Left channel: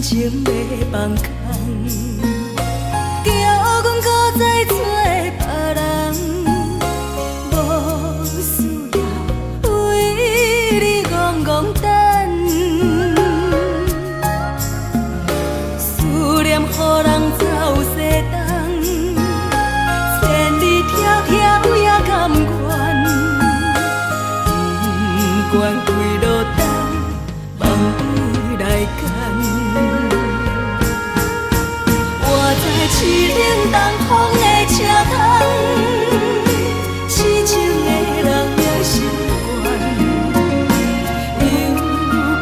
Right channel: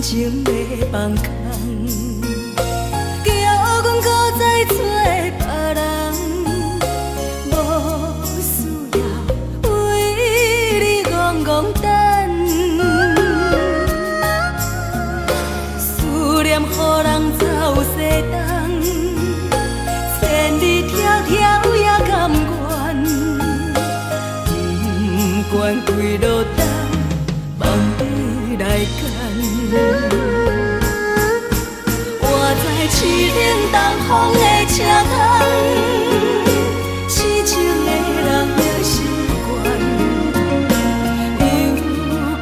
感情要放空，叫阮搁再找别人，无需要为你戆戆等，思念予人走西东，千里迢迢也甘愿，不管几路灯，望你来牵。我在市顶东风的车窗，痴情的人也习惯，又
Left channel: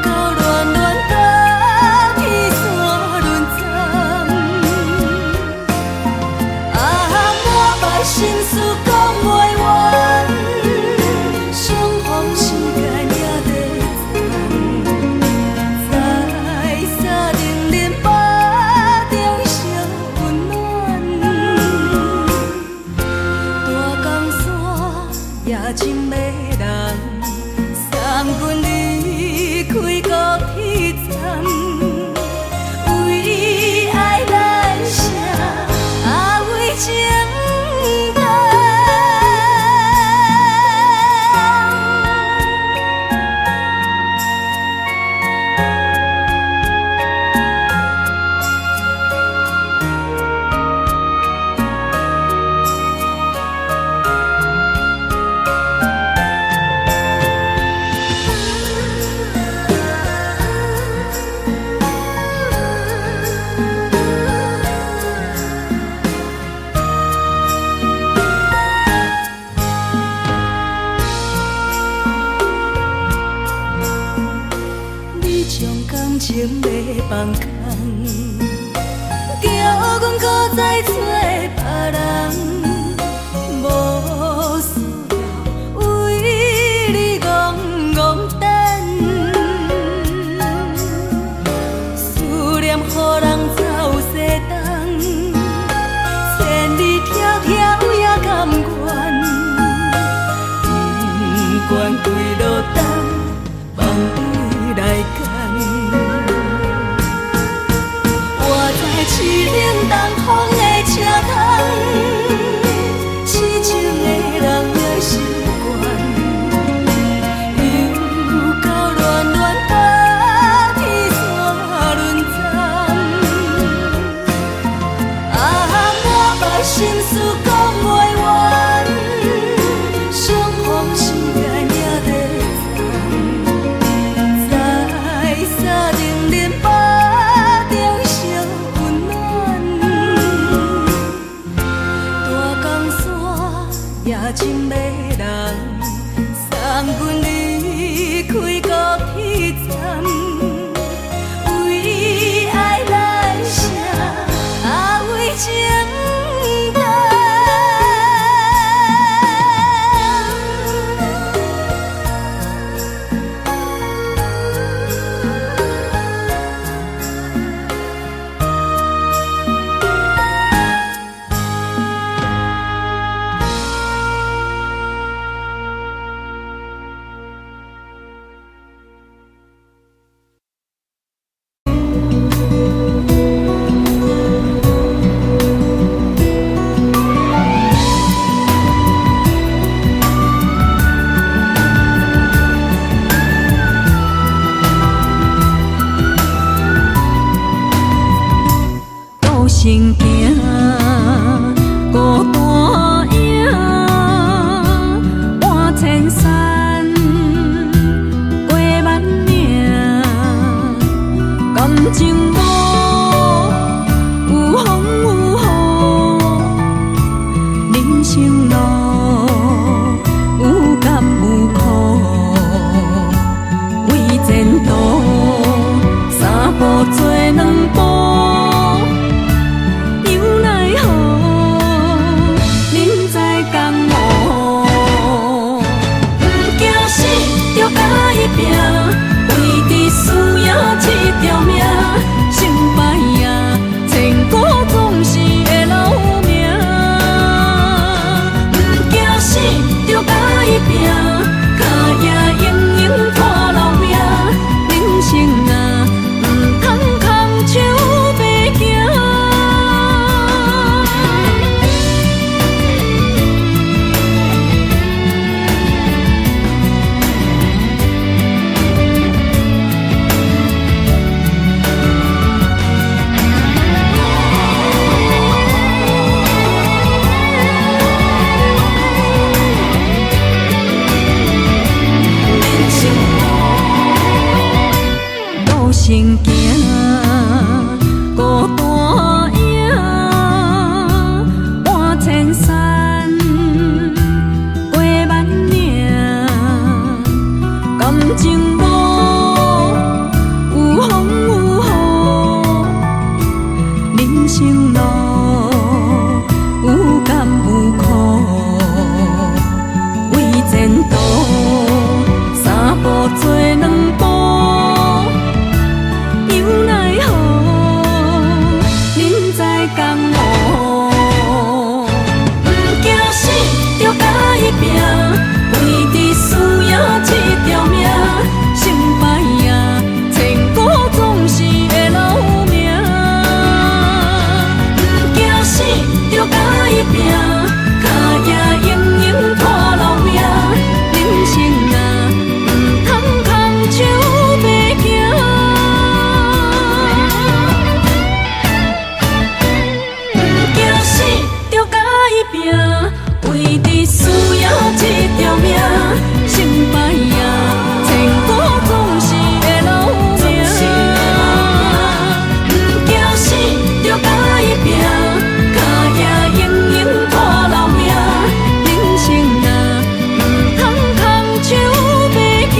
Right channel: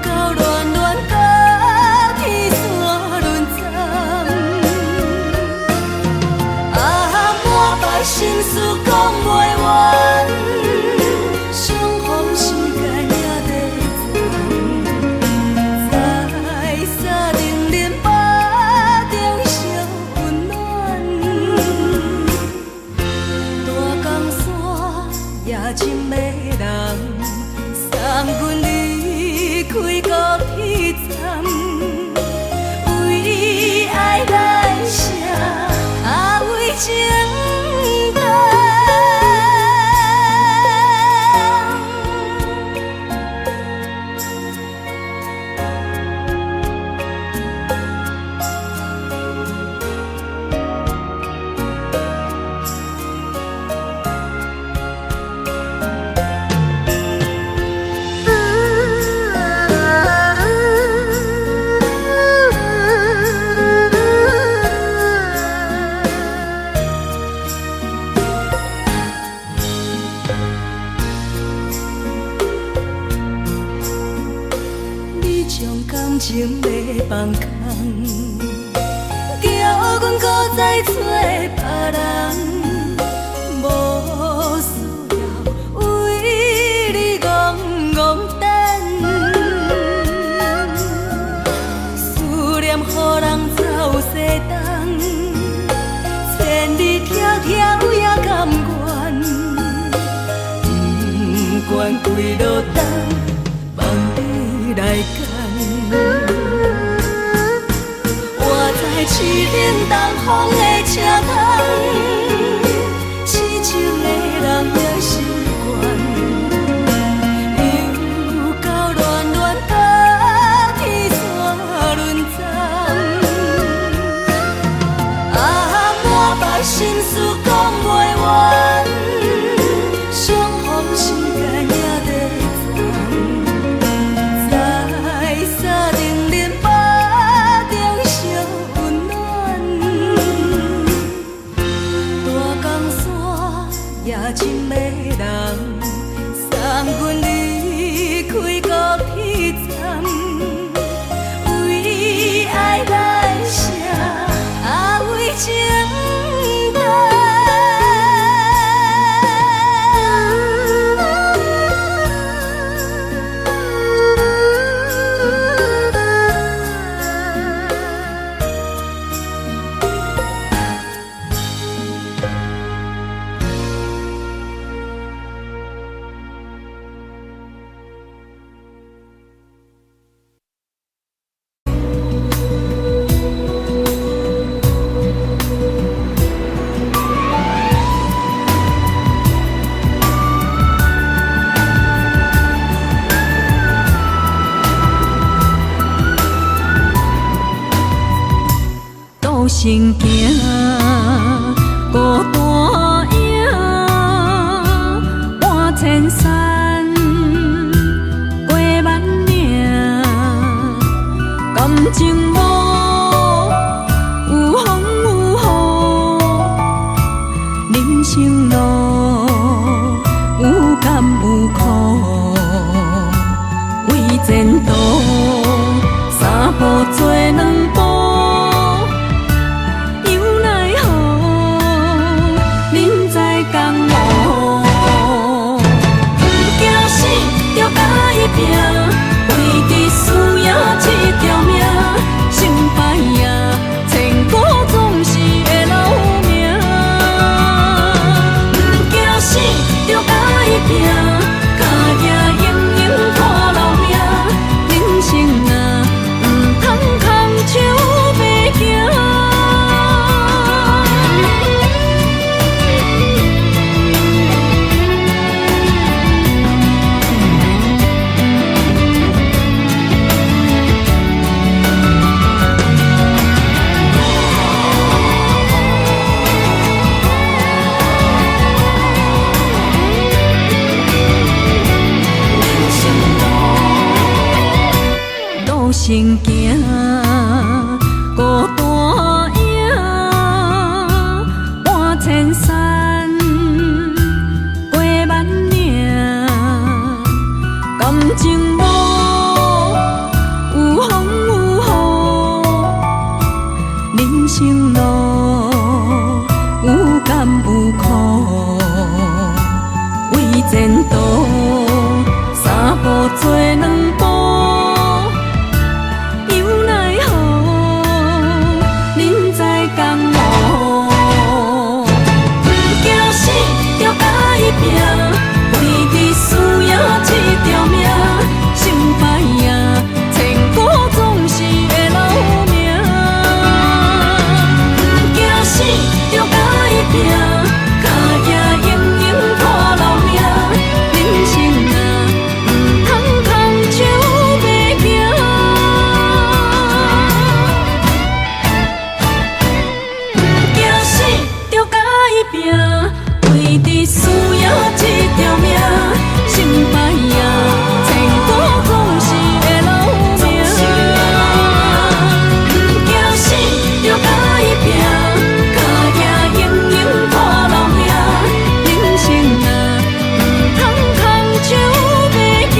到恋恋甲天山论战，满腹心事讲袂完，相逢时间也在等，在沙定林巴中烧温暖，大江山也真迷人，送阮离开高铁站，为爱来写为情。感情要放空，叫阮搁再找别人，无需要为你戆戆等，思念予人走西东，千里迢迢也甘愿，不管几路灯，望你来牵。我在市顶东风的车窗，痴情的人也习惯，又到恋恋甲天山论战，满腹心事讲袂完，相逢时间也在等，在沙定林巴中烧温暖，大江山也真迷人，送阮离开高铁站，为爱来写为情等。行行，孤单影，半千山，过万岭，感情无有风有雨，人生路有甘有苦，为前途三步做两步。生行，孤单影，半千山，过万岭，感情路有风有雨，人生路有甘有苦，为前途三步做两步。拼，为伫需要一条命，成败赢，千古总是会留名。不惊死，着甲伊拼，脚也硬硬拖老命。人生啊，唔通空手白行。不惊死，着甲伊拼，为伫需要一条命，成败赢，千古总是会留名。不惊死，着甲伊拼，脚也硬硬拖老命。人生啊，唔通空手白行。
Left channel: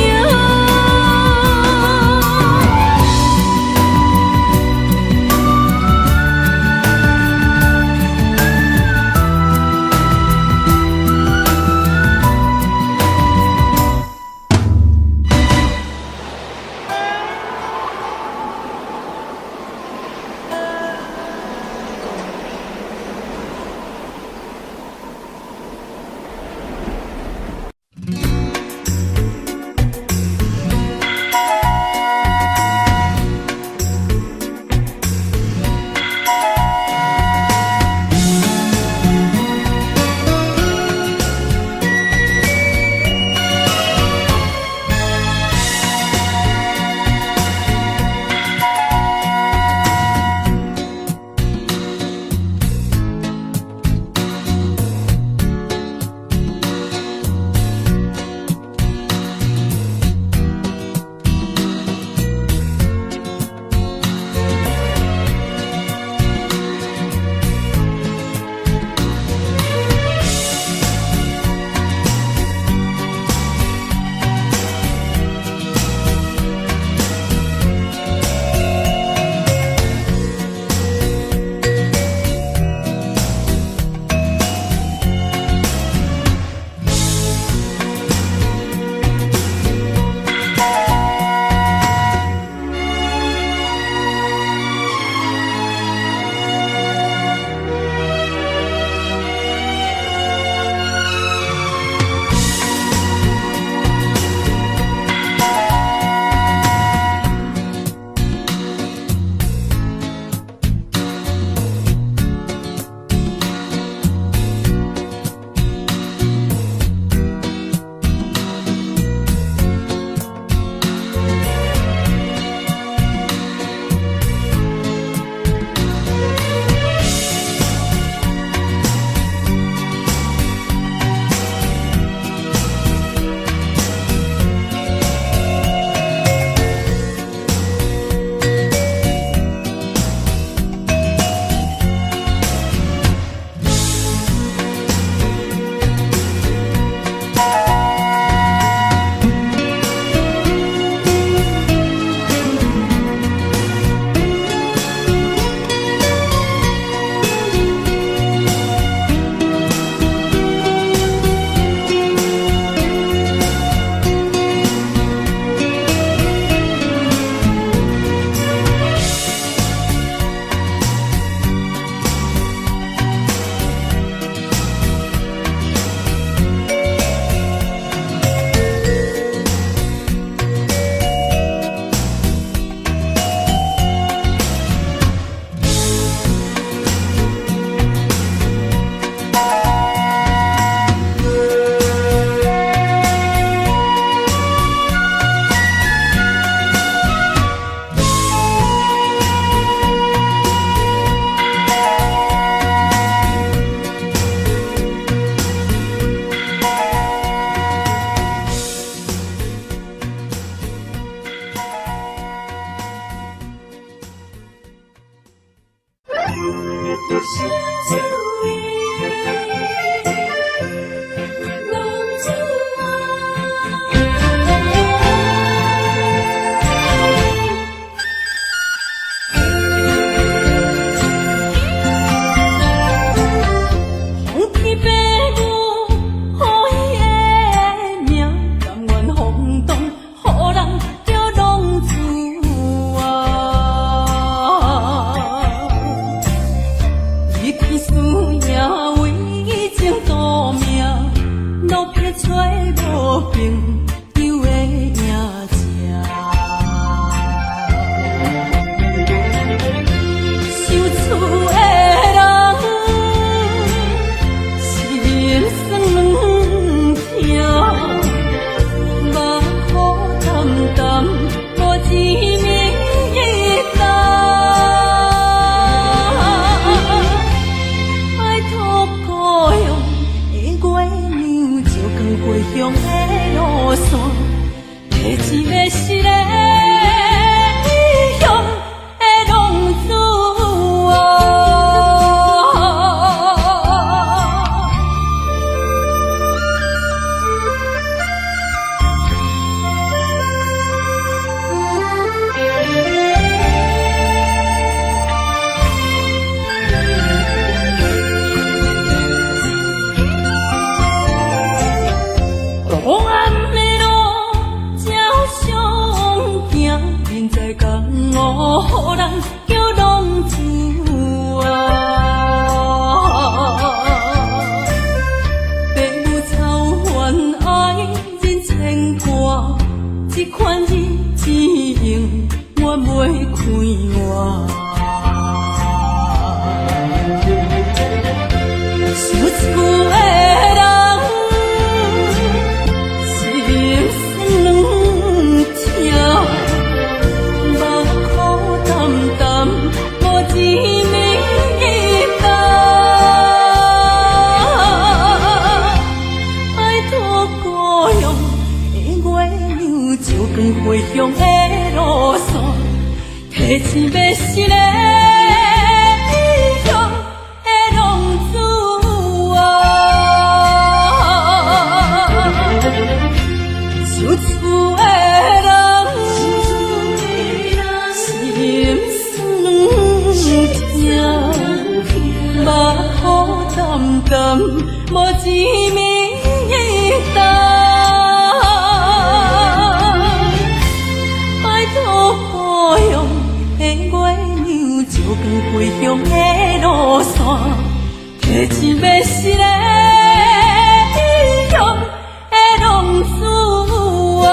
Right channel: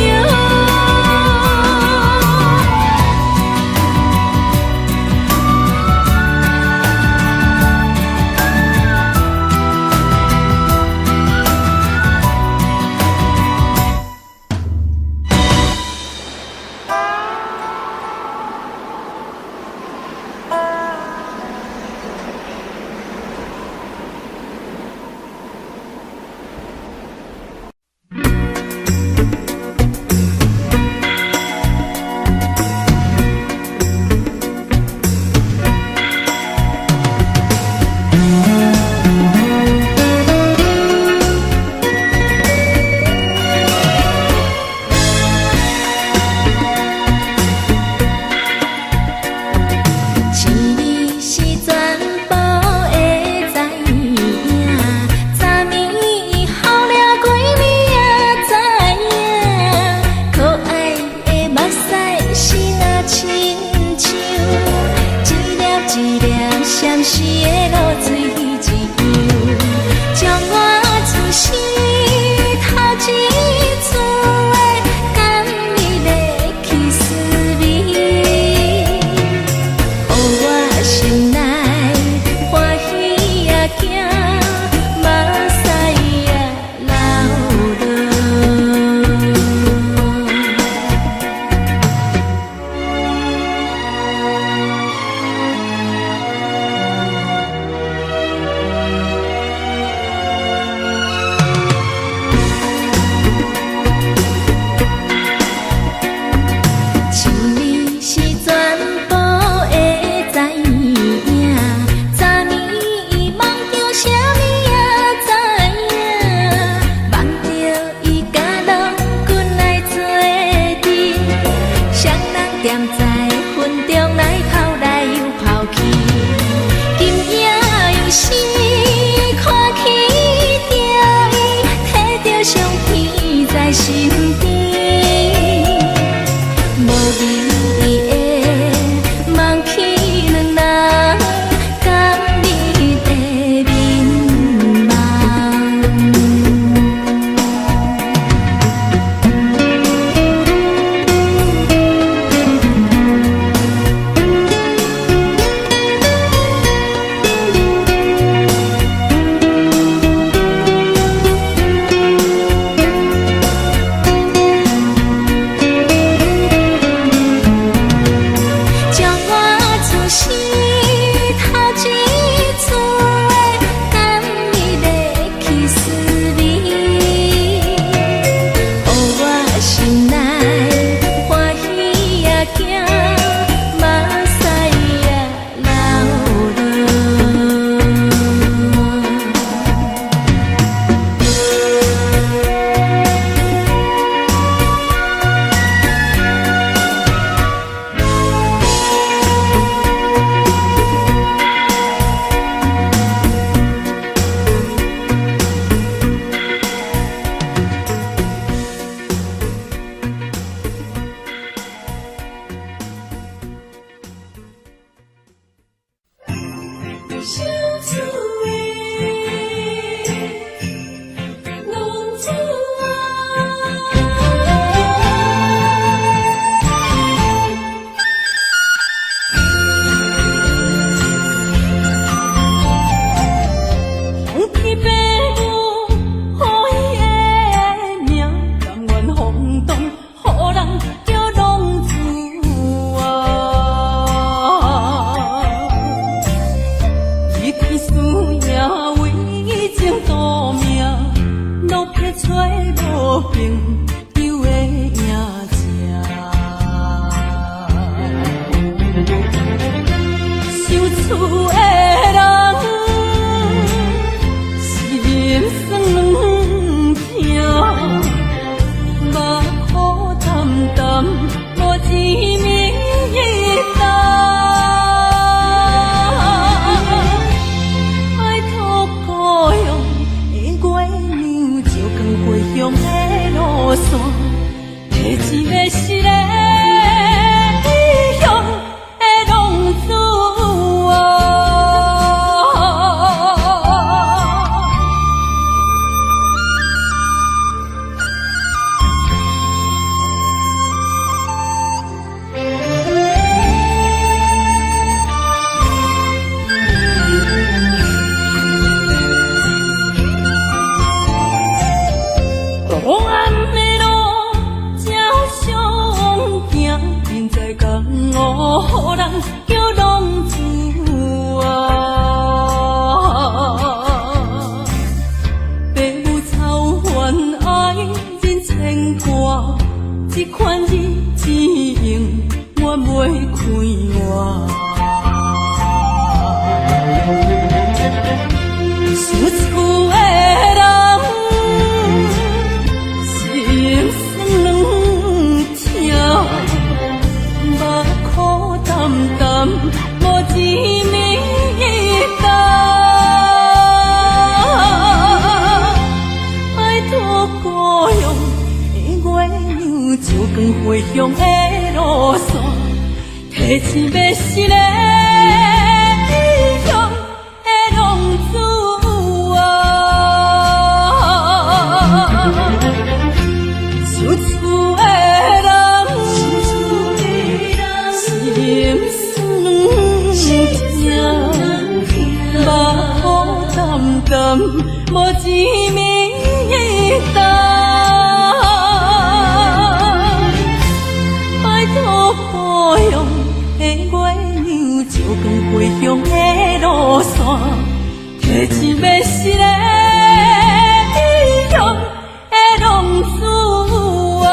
找无朋友的影子，想厝的人心酸软痛，目苦淡淡无滋味一担。爱托故乡的月亮，照光回乡的路线，提一个失个异乡的浪子啊。黑暗的路，照常行，现在江湖人叫浪子啊。父母操怨爱人牵挂，这款日子用我袂开我。想厝的人。心酸软痛，目苦淡淡，无滋味一担。爱托故乡的月亮，照光回乡的路线，提醒要失个异乡的浪子啊。想厝的人，心酸软痛，目苦淡淡，无滋味一担。爱托故乡的月亮，照光回乡的路线，提一要失个异乡的浪子啊。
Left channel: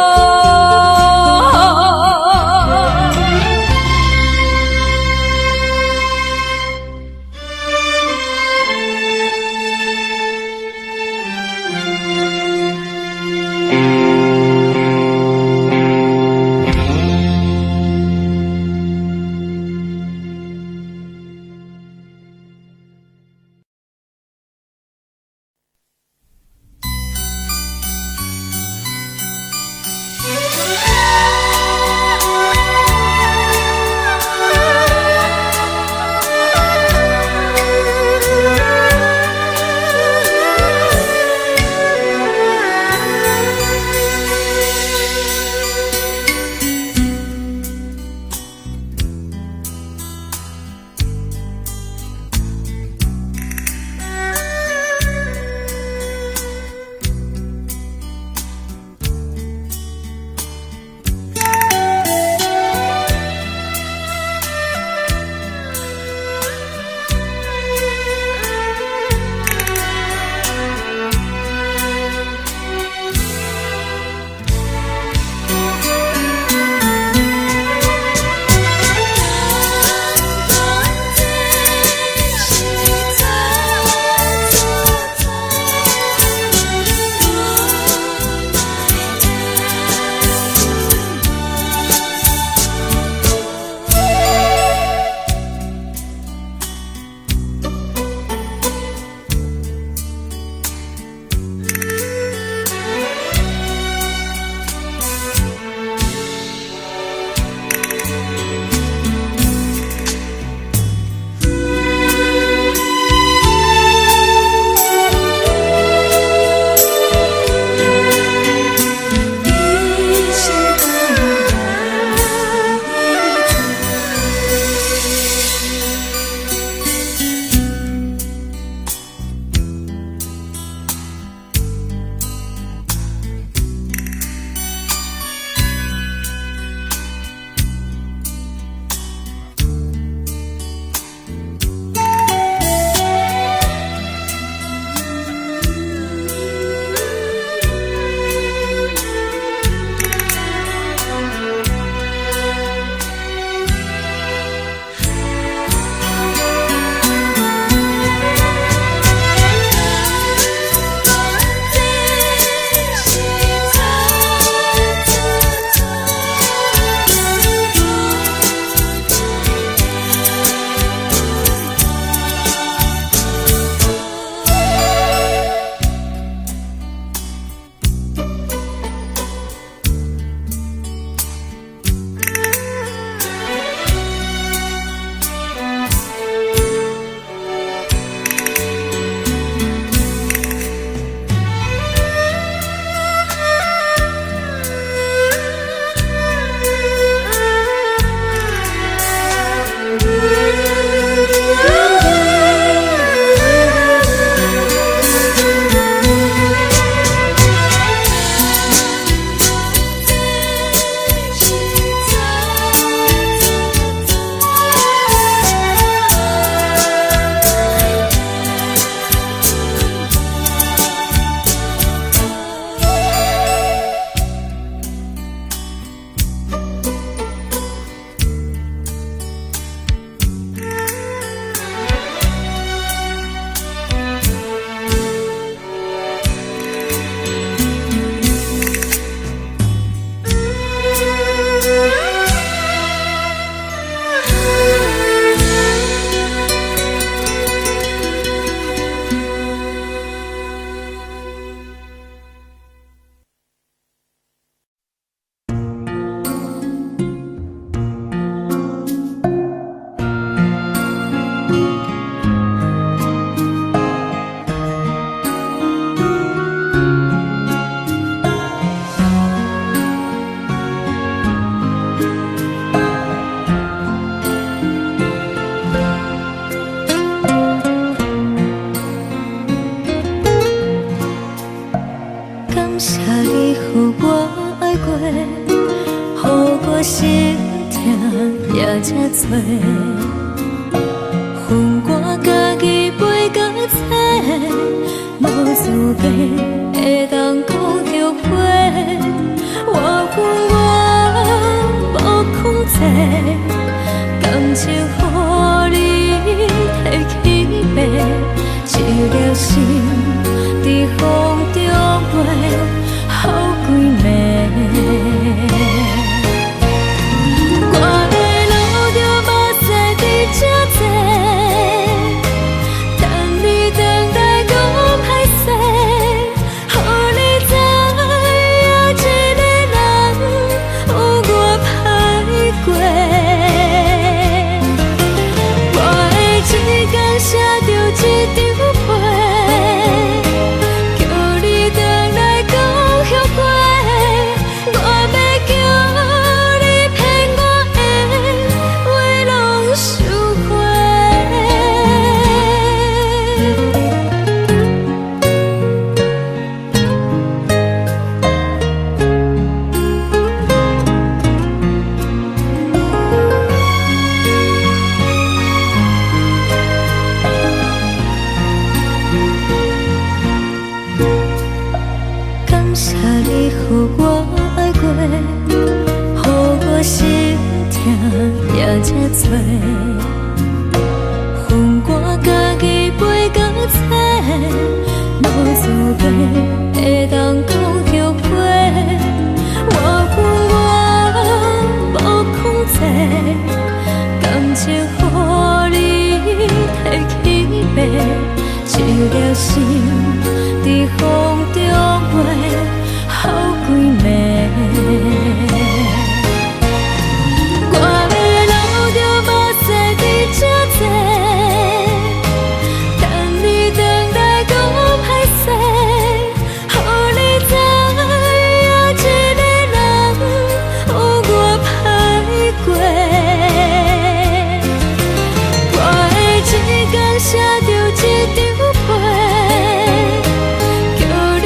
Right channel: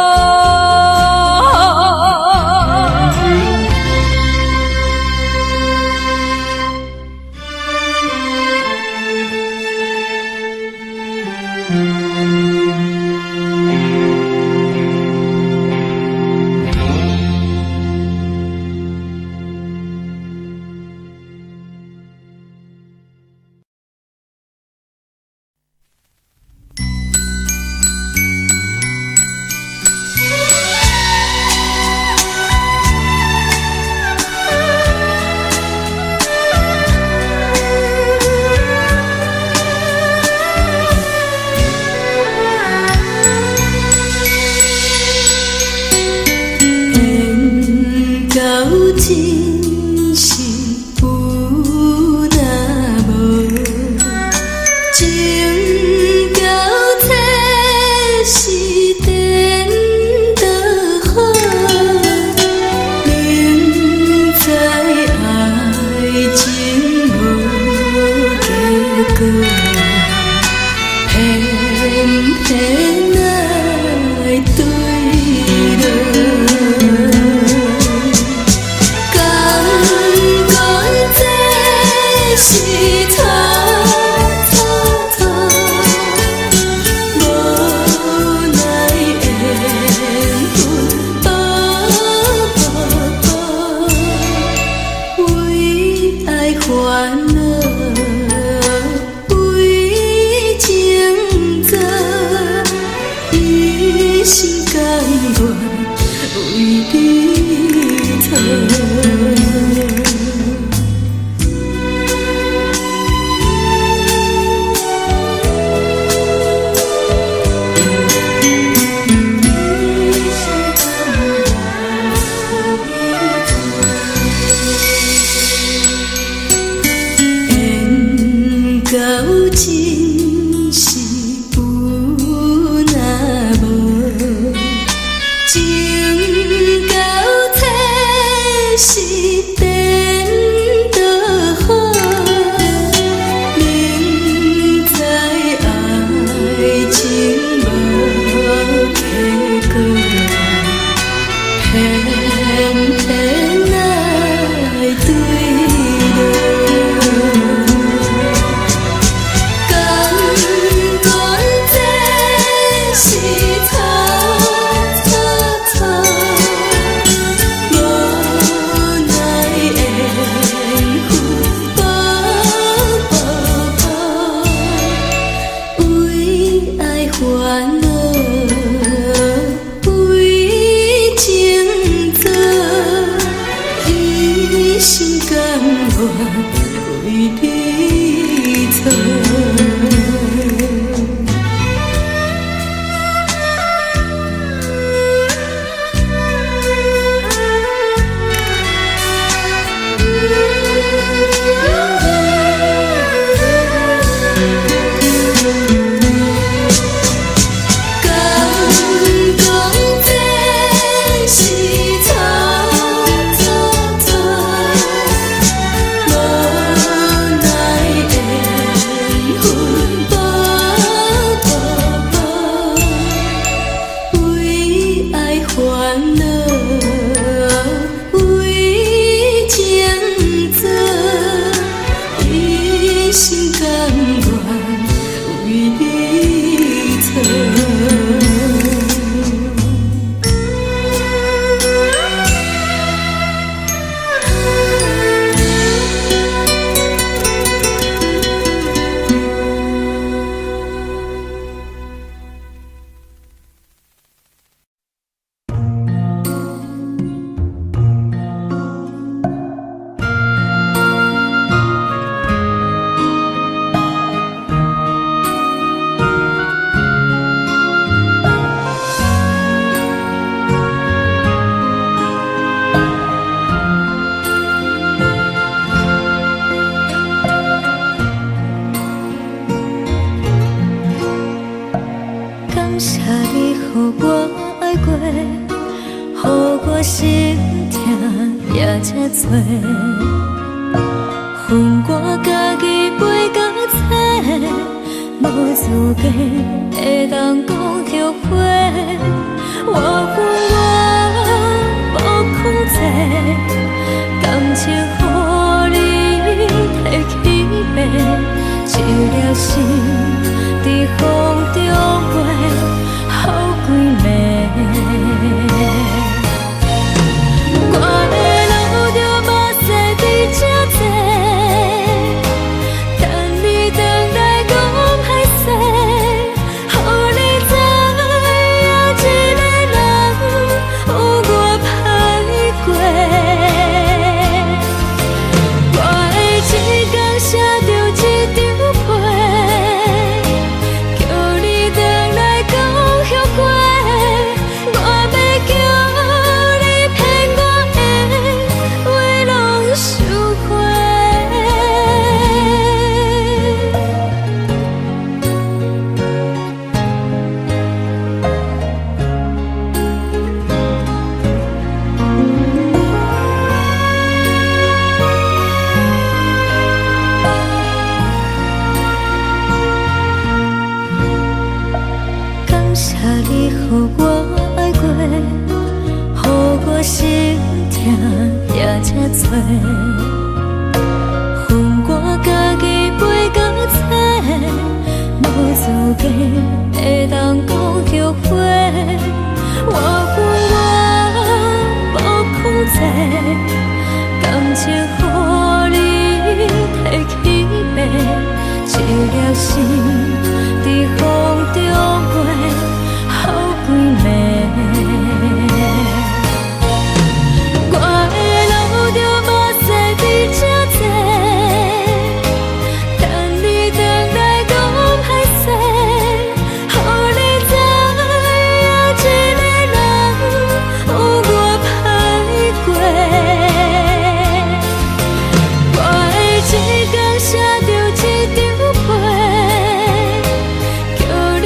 恼，为情做，一心甘愿为你错。感谢你，予我爱过，予我心痛也这多。恨我家己袂到切，无资格会当讲后悔。我恨我无控制，感情予你摕去卖，一粒心伫风中飞，好几暝。我的路着目屎伫这多，等你回来讲歹势，予你知影一个人有我歹过。我的一天写着一张被，叫你回来讲后悔。我要叫你骗我的话拢收回。感谢你，予我爱过，予我心痛也这多。恨我家己袂到切，无资格会当讲后悔。我恨我无控制，感情予你摕去卖，一粒心伫风中飞，好几暝。我的路着目屎伫这多，等你回来讲歹势，予你知影一个人有我歹过。我的一天写着一张被，叫你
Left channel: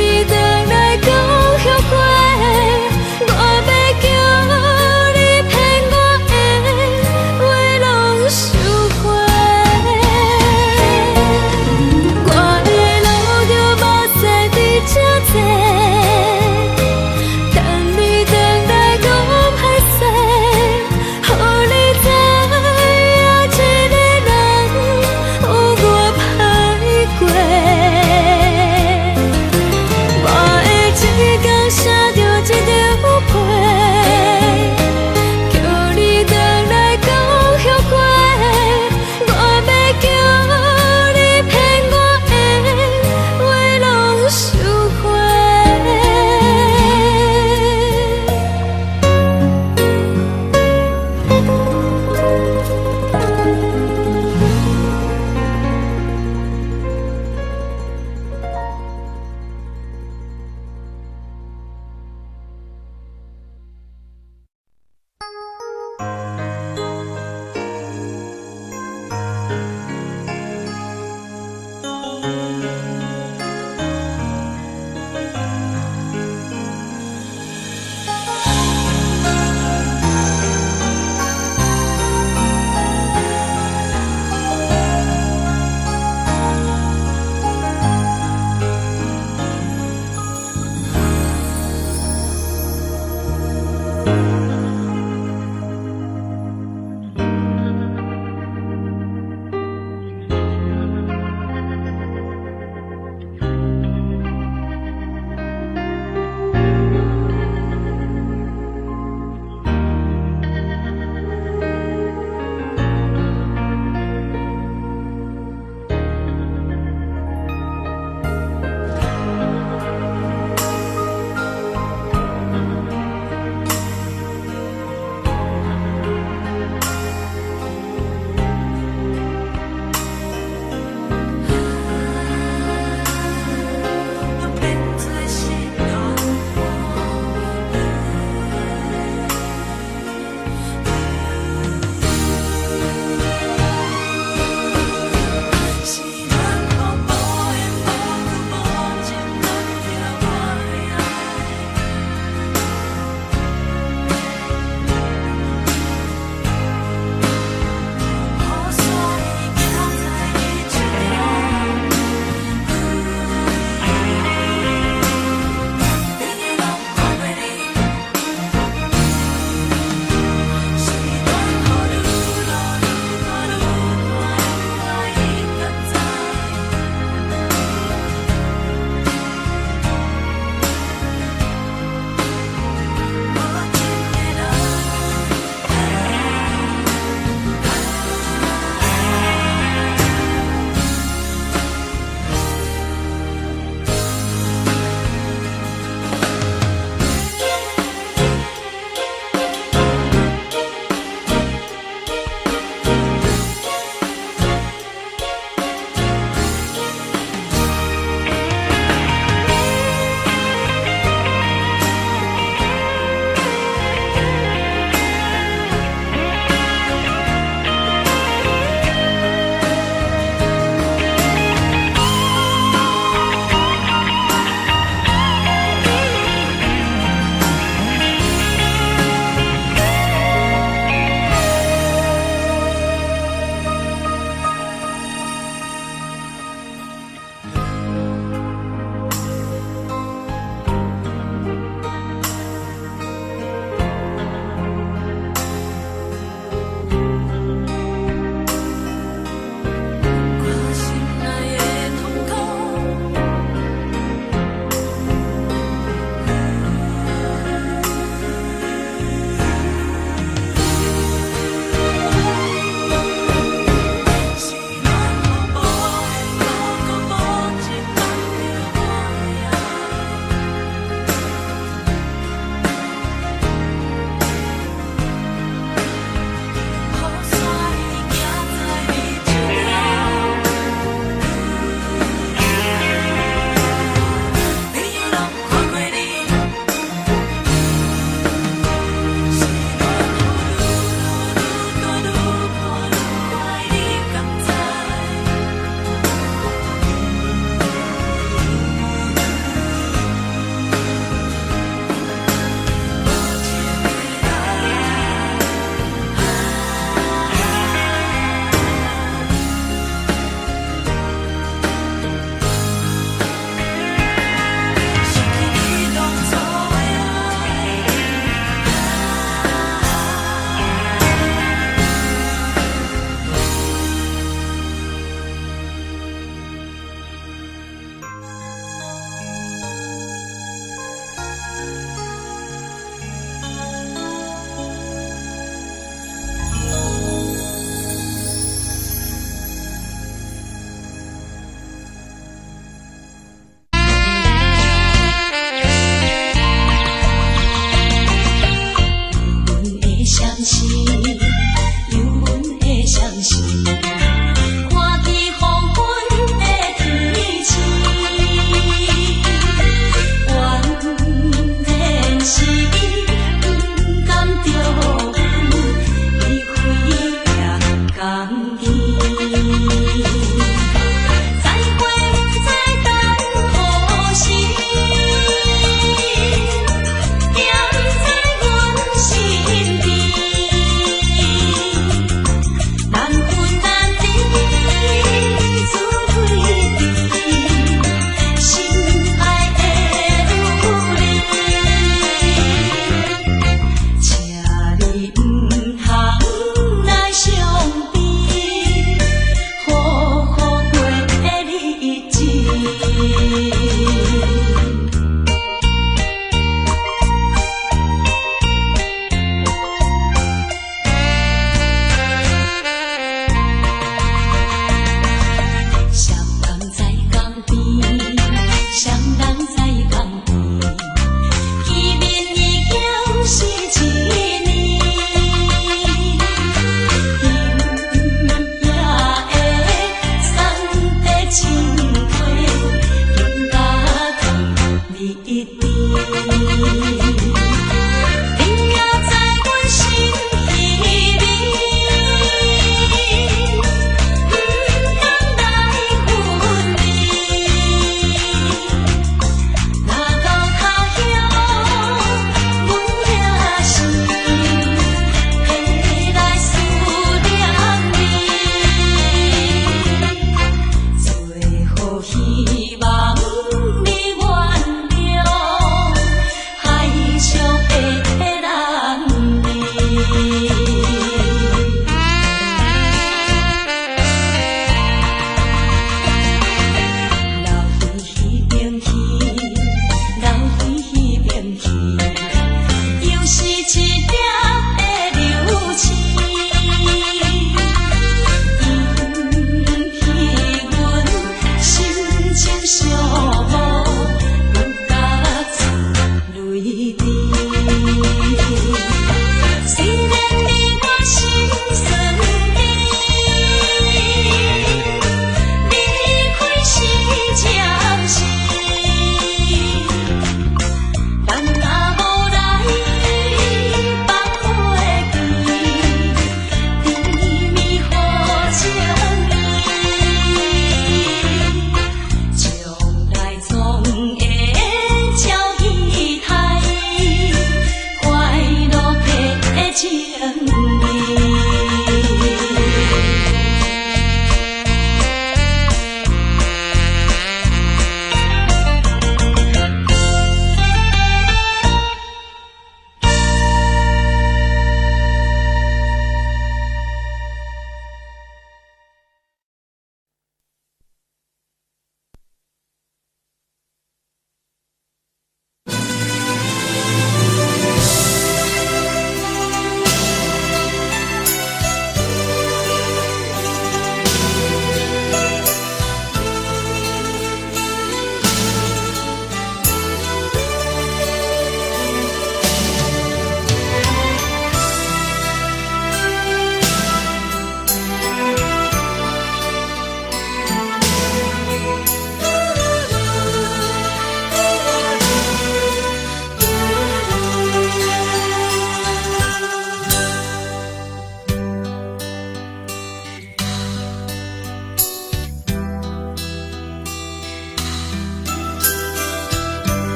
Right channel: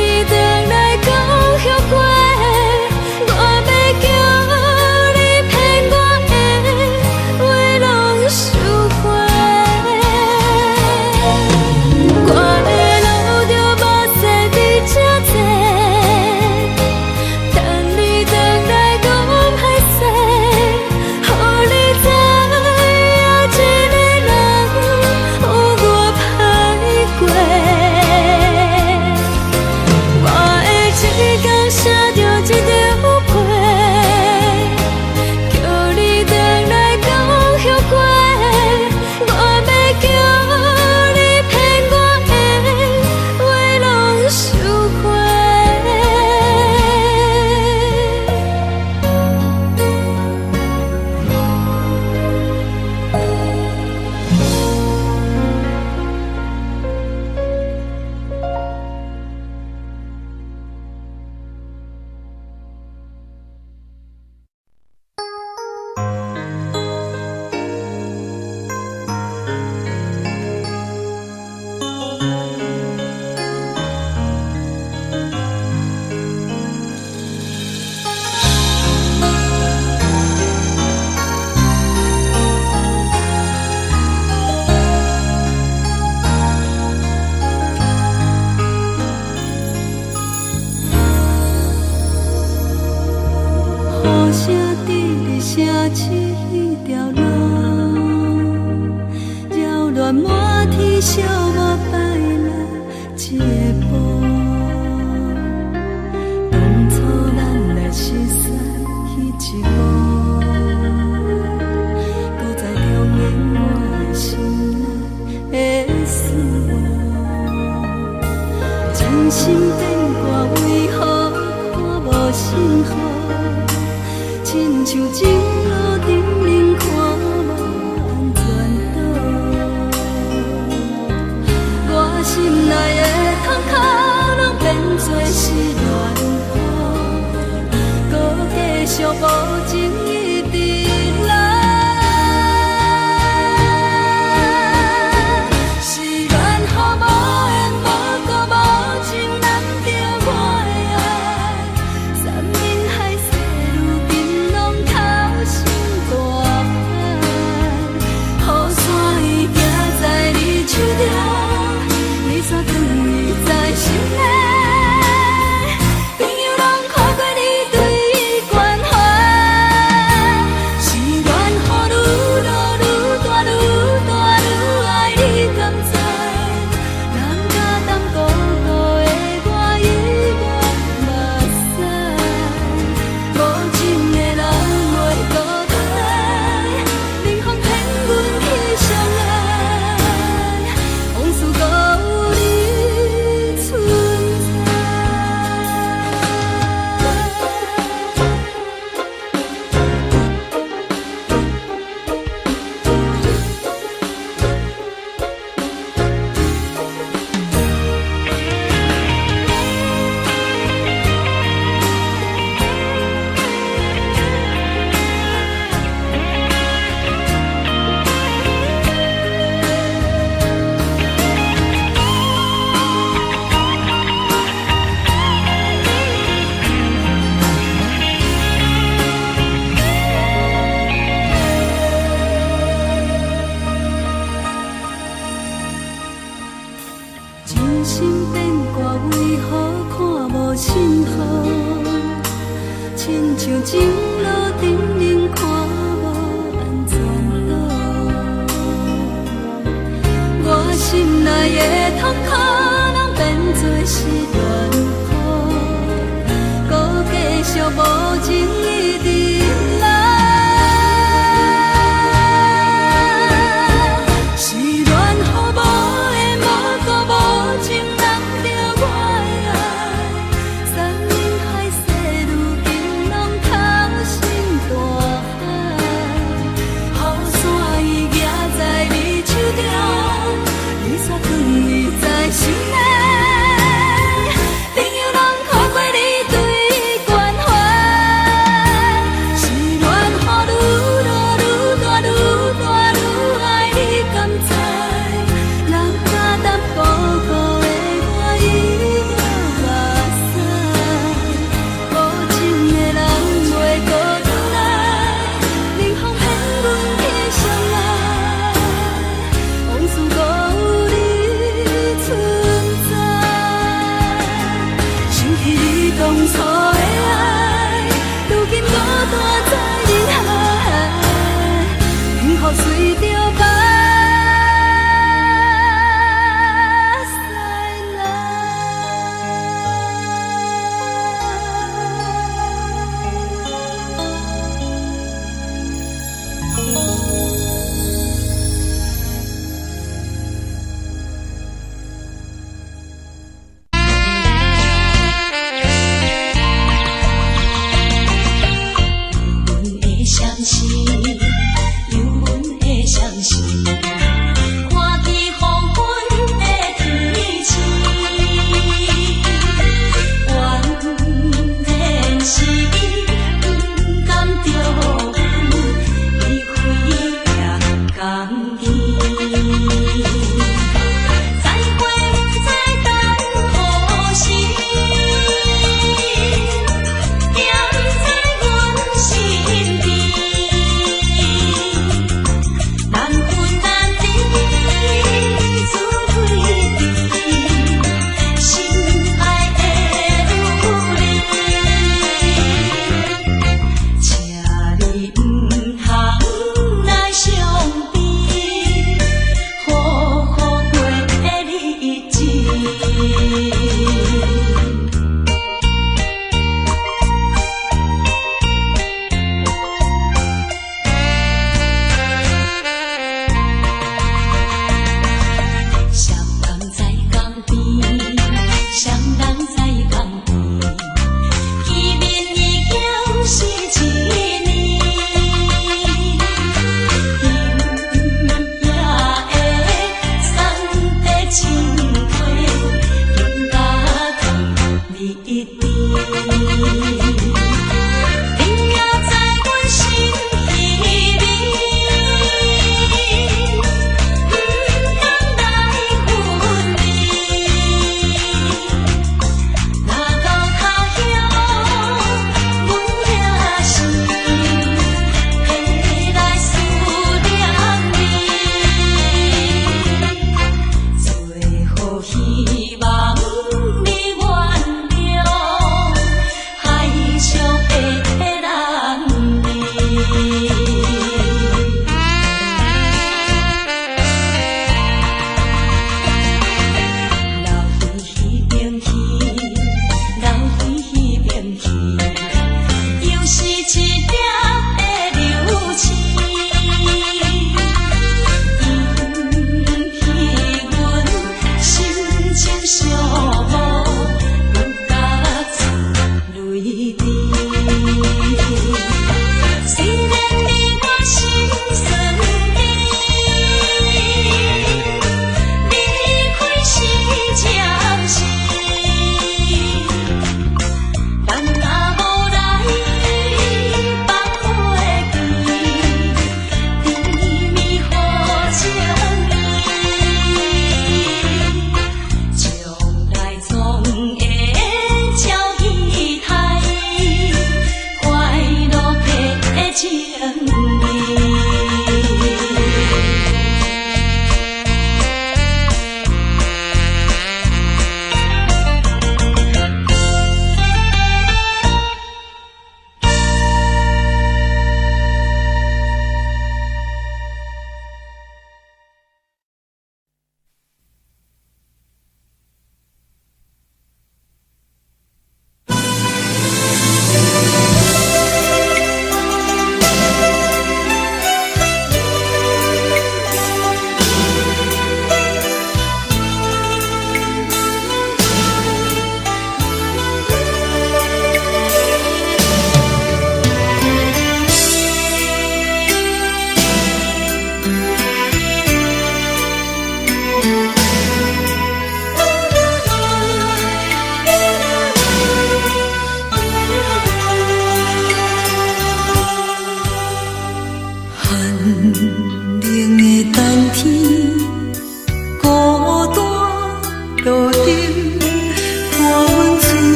无声伫咧城市迄条路，扰乱满天小我摆来一个步。当初咱来熟悉迄一幕，搁再重现我心内的思慕。真心变卦为何我无幸福？亲像情路停冷看无安全岛，我心内的窗口拢变作是寒风，搁继续无情伊伫来。是缘和无缘，无果无情，难着我的爱。山盟海誓，如今拢塌你一滴。你也在阮心稀里，不敢来分离。若到他乡，阮也是回来思念你。最后希望你原谅海上的人儿。流回彼边去，流回彼边去，又是一粒的流星，引起阮心情寂寞，不觉出泪滴。虽然你我心酸离开是暂时，但若无来放花期，甜蜜好情意，将来总会照期待，快乐的情意。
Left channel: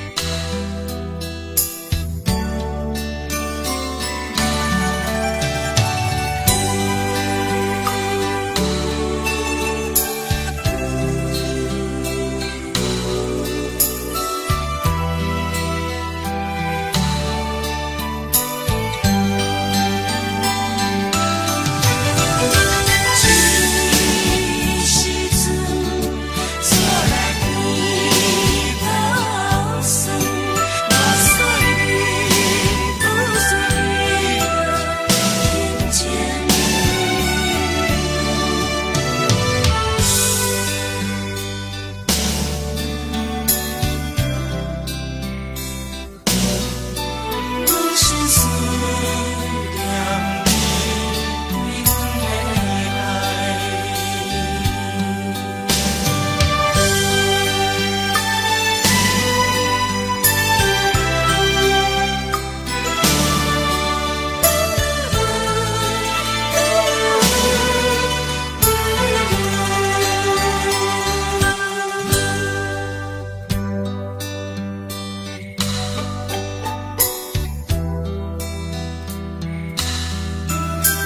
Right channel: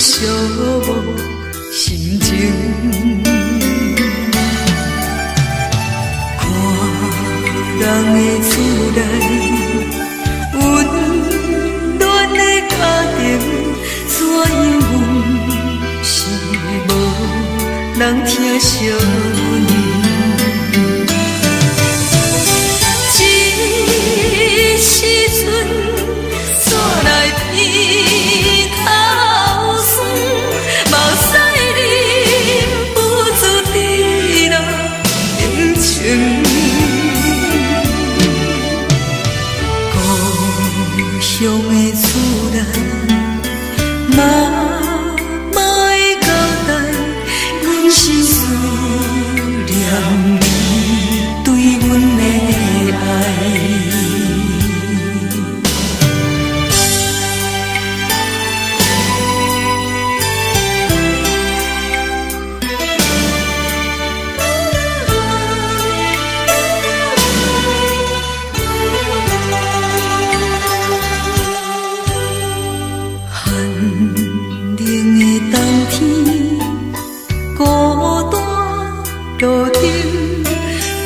寂寞心情，看人的厝内温暖的家庭，怎样是无人疼惜你？这时阵怎来偏口酸？目屎忍不住滴落眼睛。故乡的厝内，妈会交代，阮是思念你对阮的爱。寒冷的冬天，孤单路顶，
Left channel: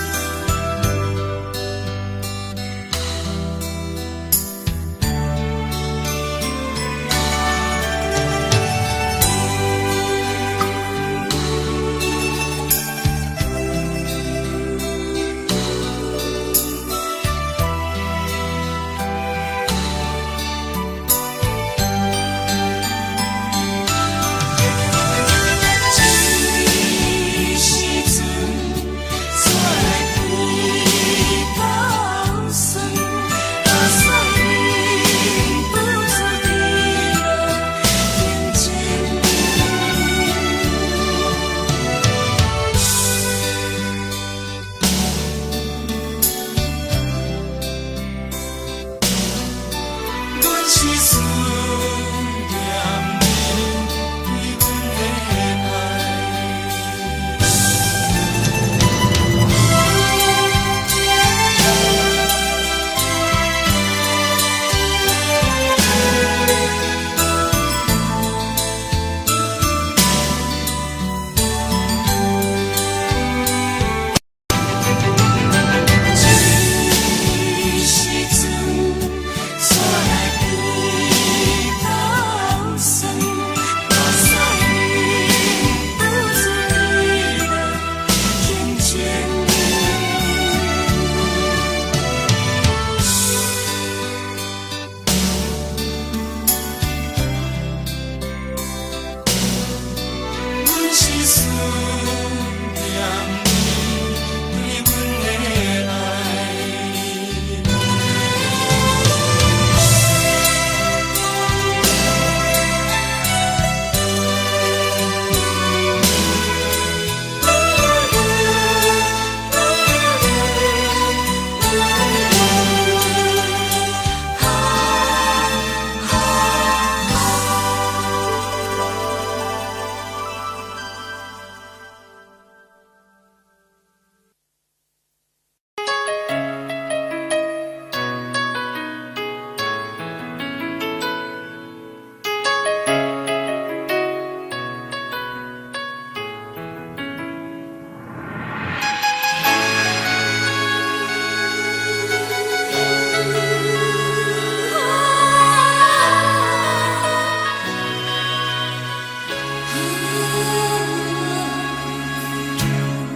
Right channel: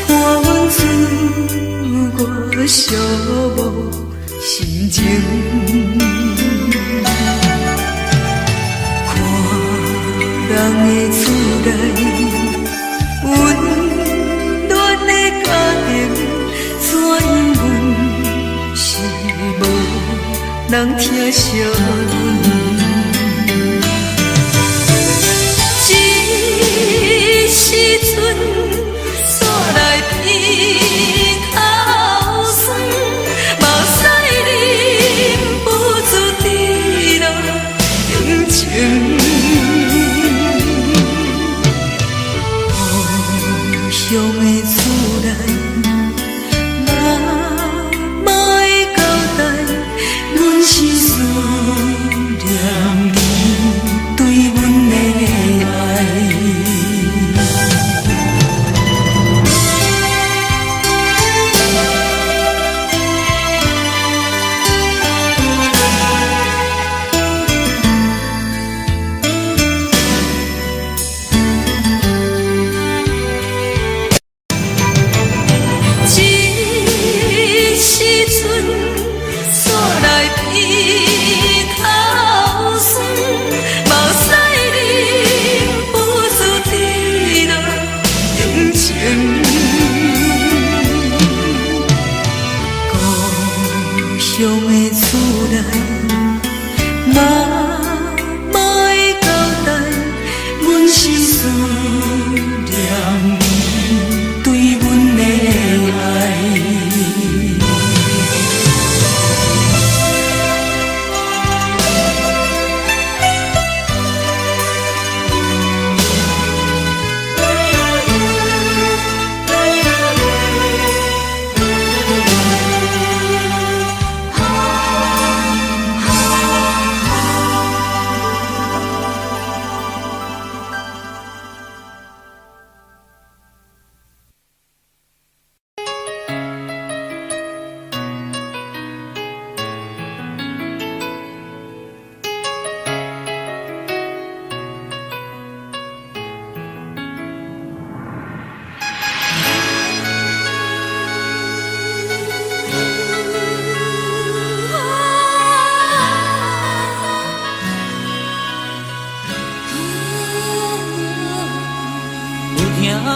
看阮自我寂寞心情。看人的厝内温暖的家庭，怎样是无人疼惜你？这时阵怎来偏口酸？目屎忍不住滴落眼睛。故乡的厝内，妈会交代，阮是思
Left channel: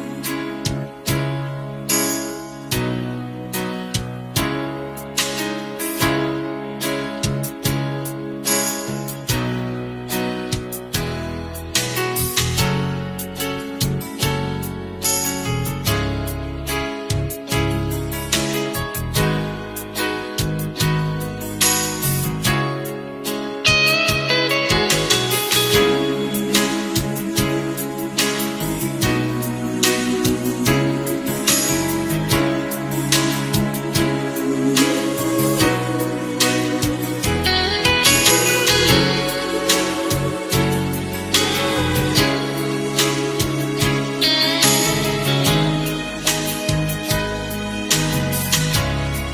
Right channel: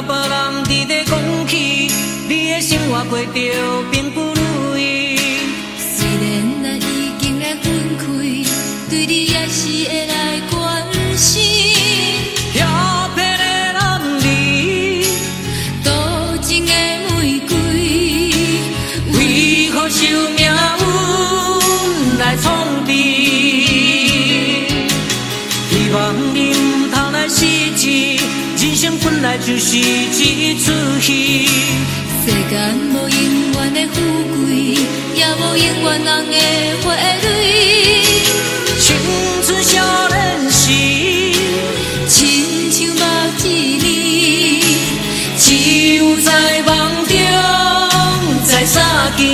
别人伫咧讲起，你的生活过着并不如意。虽然咱已经来分开，对你也是会来关心。漂泊的男儿，多情的玫瑰，为何受命运来创治？希望你唔通来失志，人生本来就是一出戏。世间无永远的富贵，也无永远人的花蕊。青春少年时，亲像目睭里，只有在梦中在相见。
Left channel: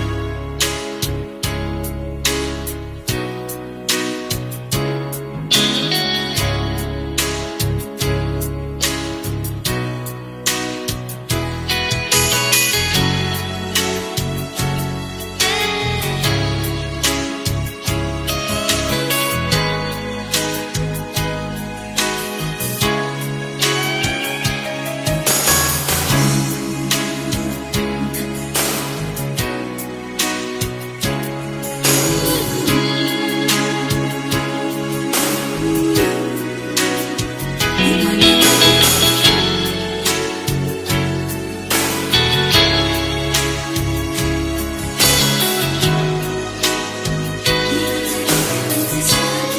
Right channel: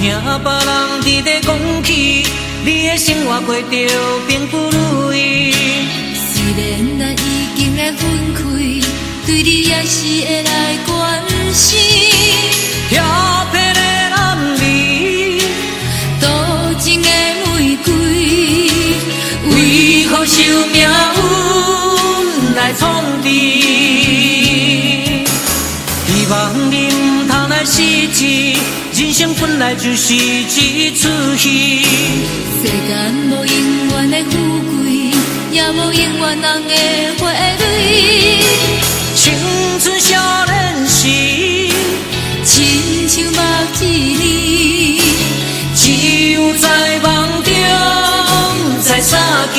听别人伫咧讲起，你的生活过着并不如意。虽然咱已经来分开，对你也是会来关心。漂泊的男儿，多情的玫瑰，为何受命运来创治？希望你唔通来失志。人生本来就是一出戏。世间无永远的富贵，也无永远人的花蕊。青春少年时，亲像目睭里，只有在梦中才相见。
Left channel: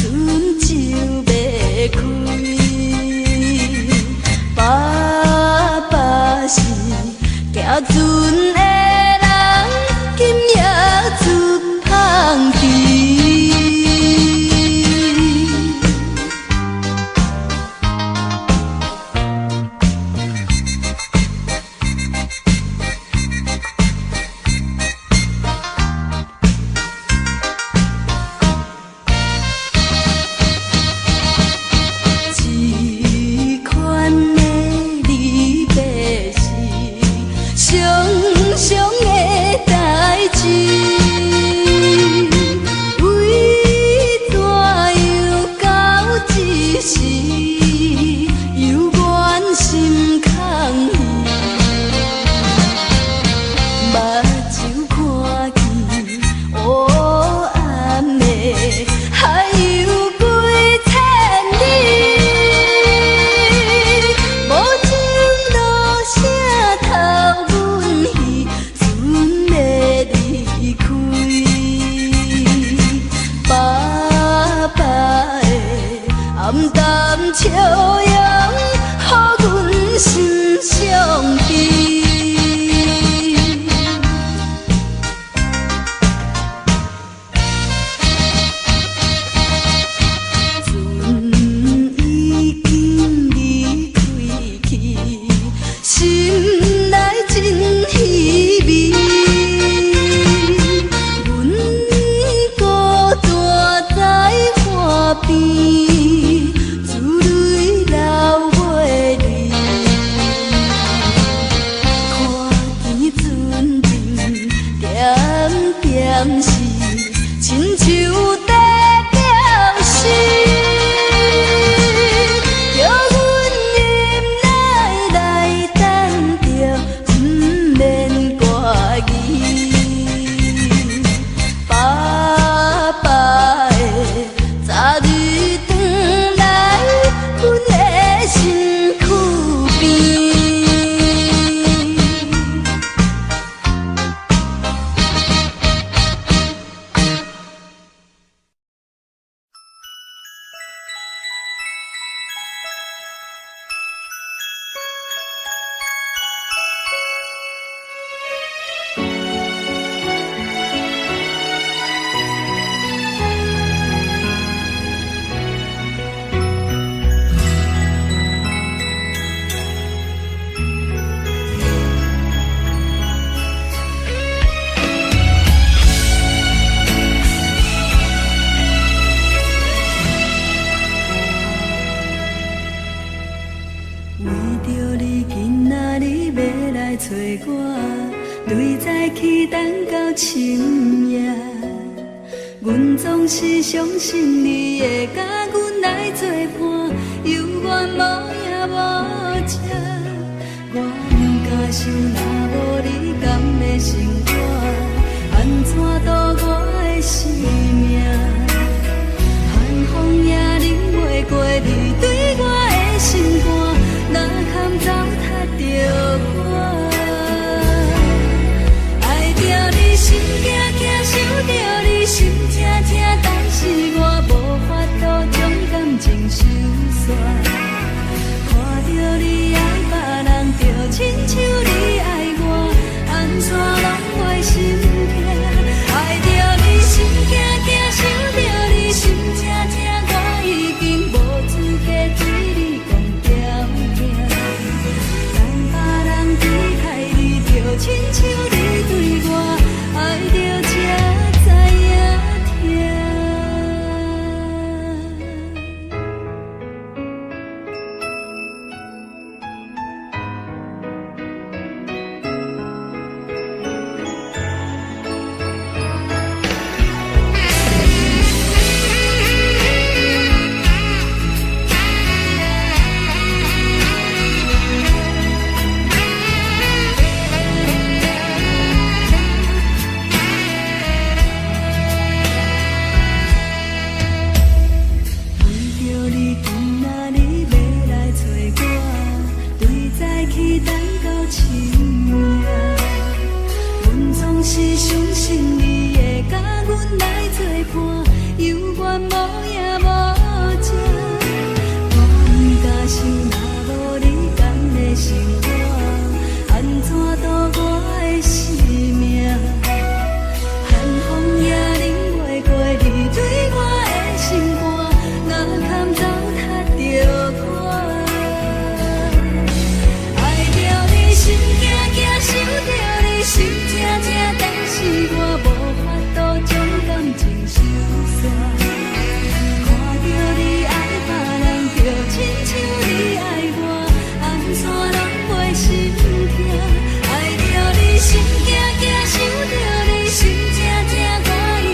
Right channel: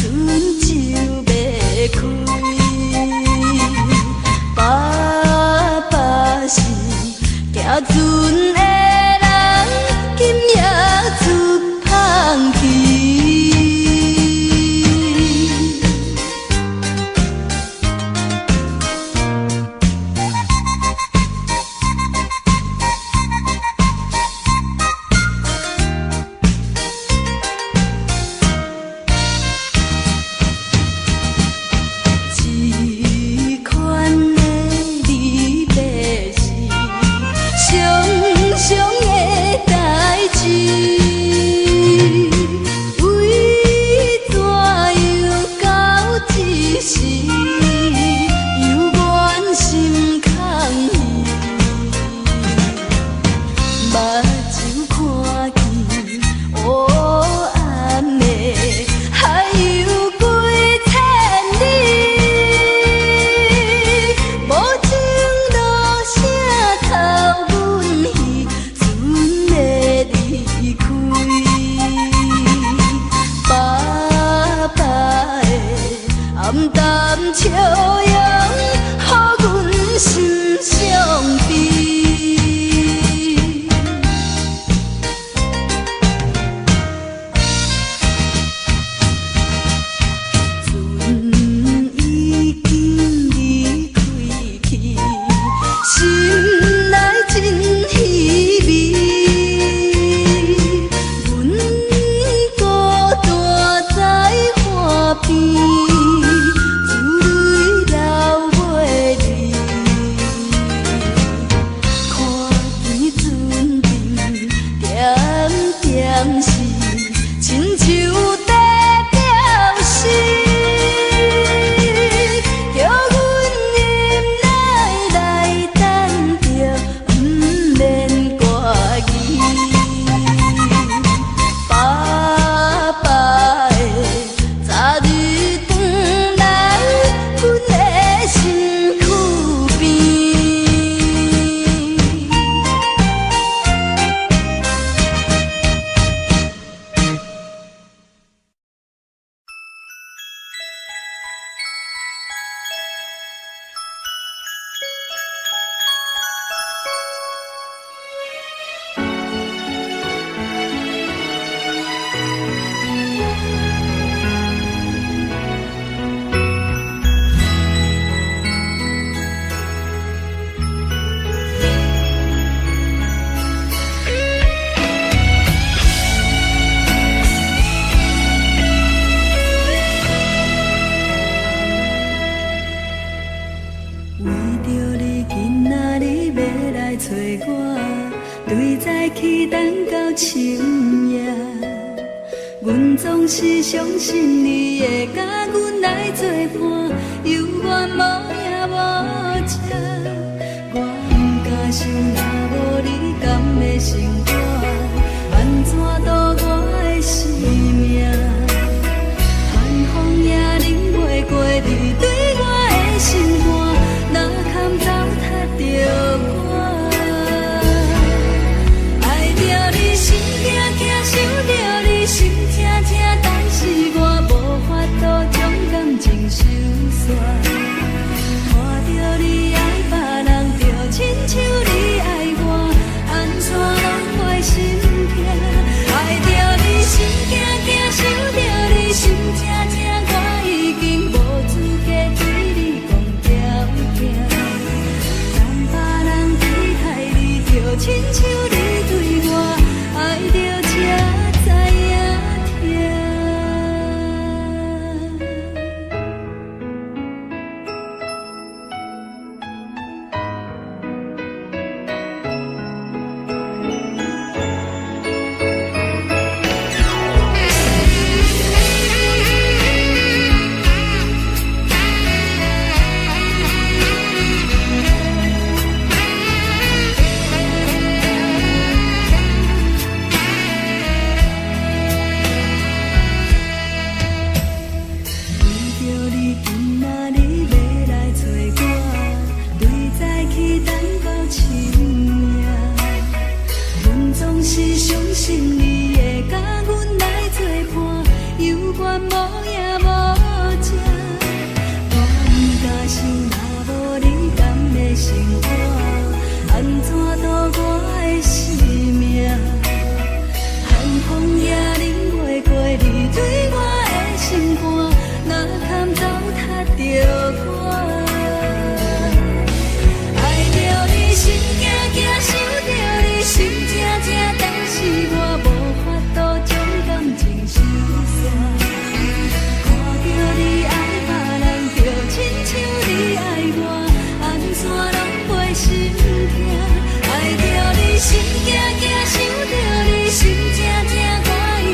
春秋要开。淡淡笑容，予阮心伤悲。船已经离开去，心内真稀微。阮孤单在河边，珠泪流袂离。看见船阵点点是亲像在叫死。找我，对早起等到深夜，阮总是相信你会甲阮来作伴，犹原无影无迹。我不敢想，若无你甘的生活，安怎度我的生命？寒风也忍袂过你对我的心肝，哪堪糟蹋着我？心惊惊，想着你心痛痛，但是我无法度将感情收煞。看着你爱别人，就亲像你爱我，安怎拢袂心痛？爱着你心惊惊，想着你心痛痛，我已经无资格对你讲条件。但别人对待你，就亲像你对我。爱着才知影痛。是相信你会甲阮来作伴，犹原无影无迹。我不敢想，若无你甘的生活，安怎度我的生命？寒风也忍袂过你对我的心肝，哪堪糟蹋着我？爱着你心惊惊，想着你心痛痛，但是我无法度将感情收煞。看着你爱别人，就亲像你爱我，安怎拢袂心痛？爱着你心惊惊，想着你心痛痛，我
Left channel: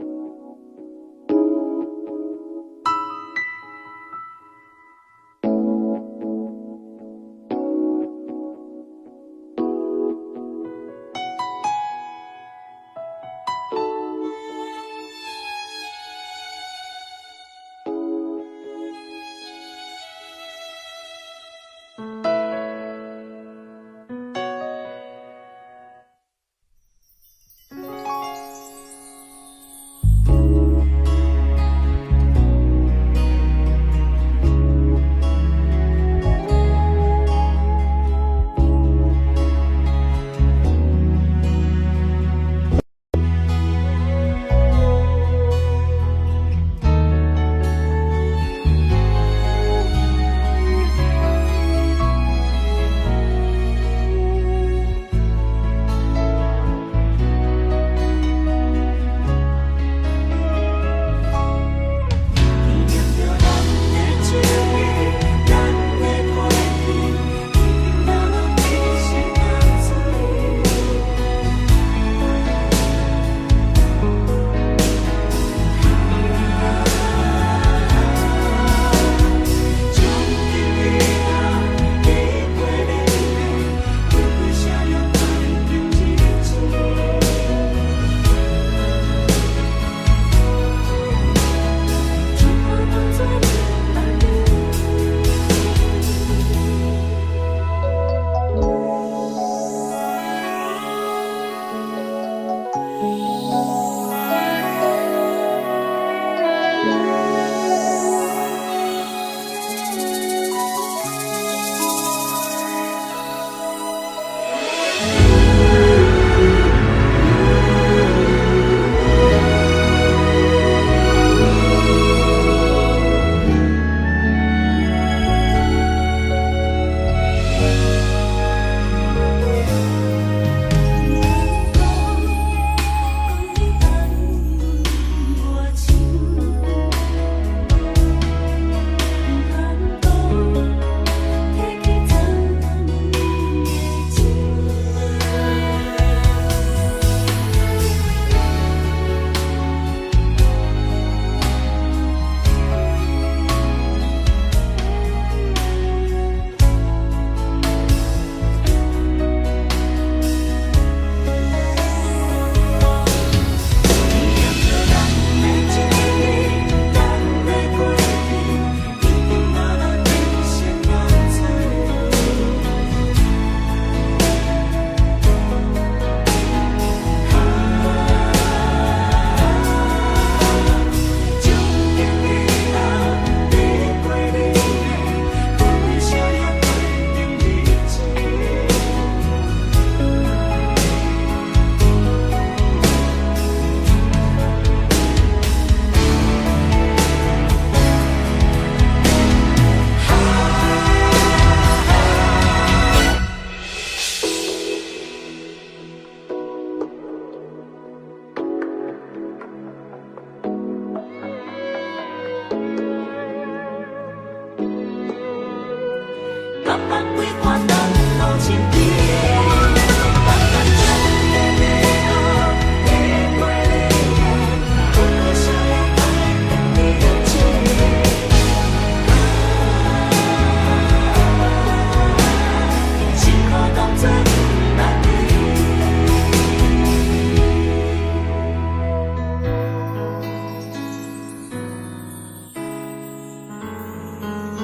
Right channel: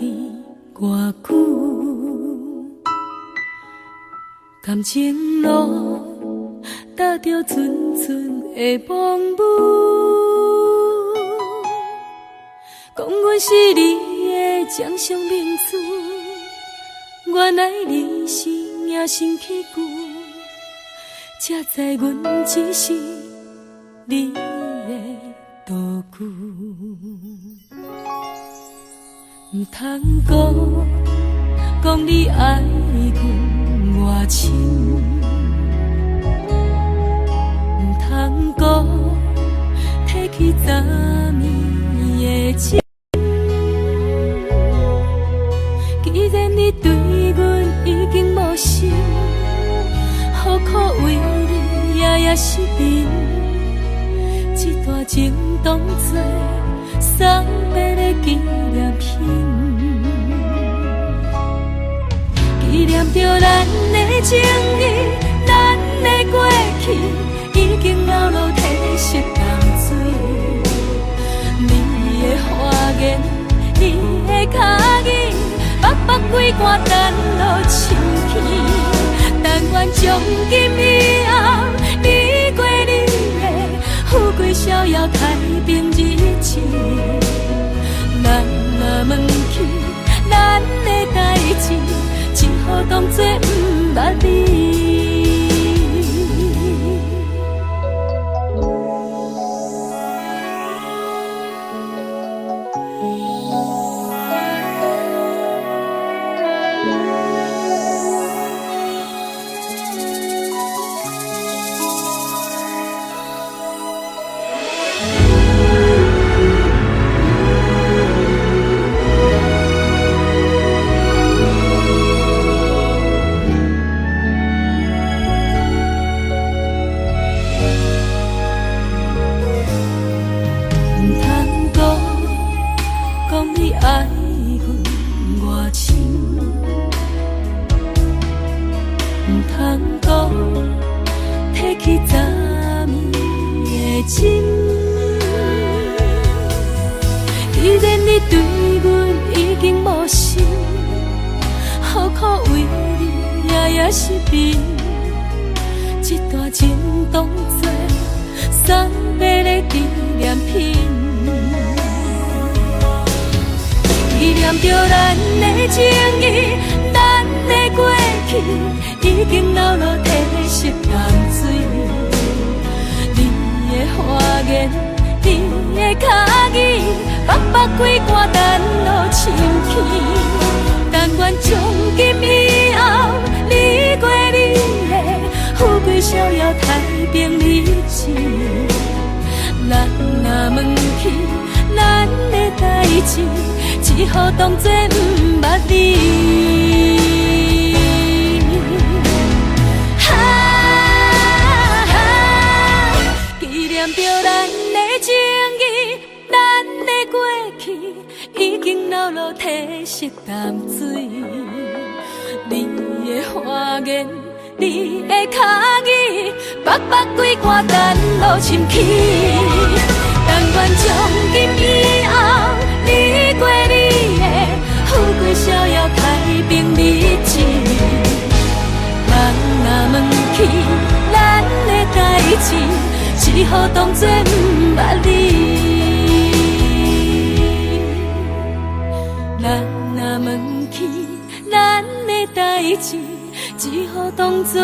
你偌久？感情路踏着纯纯的梦雾，讲阮是你的掌上明珠，原来你是命生起句，才知阮只是你的道具。唔通讲你爱阮偌深，唔通讲提起昨暝的情。既然你对阮已经无心，何苦为你夜夜失眠？这段情当作送别的纪念品。纪念着咱的情谊，咱的过去，已经老老褪色淡水。你的花言，你的脚语，白白几段等落深去。但愿从今以后，你过你的富贵逍遥太平日子。咱若问起咱的代志，只好当作不捌你。只好当作不捌你。纪念着咱的情谊，咱的过去已经老老褪色淡水。你的花言，你的脚语，白白几段等落深去。但愿从今以后，你过你的富贵逍遥太平日子。咱若问起咱的代志，只好当作不捌你。咱若问起咱的代志，只好当作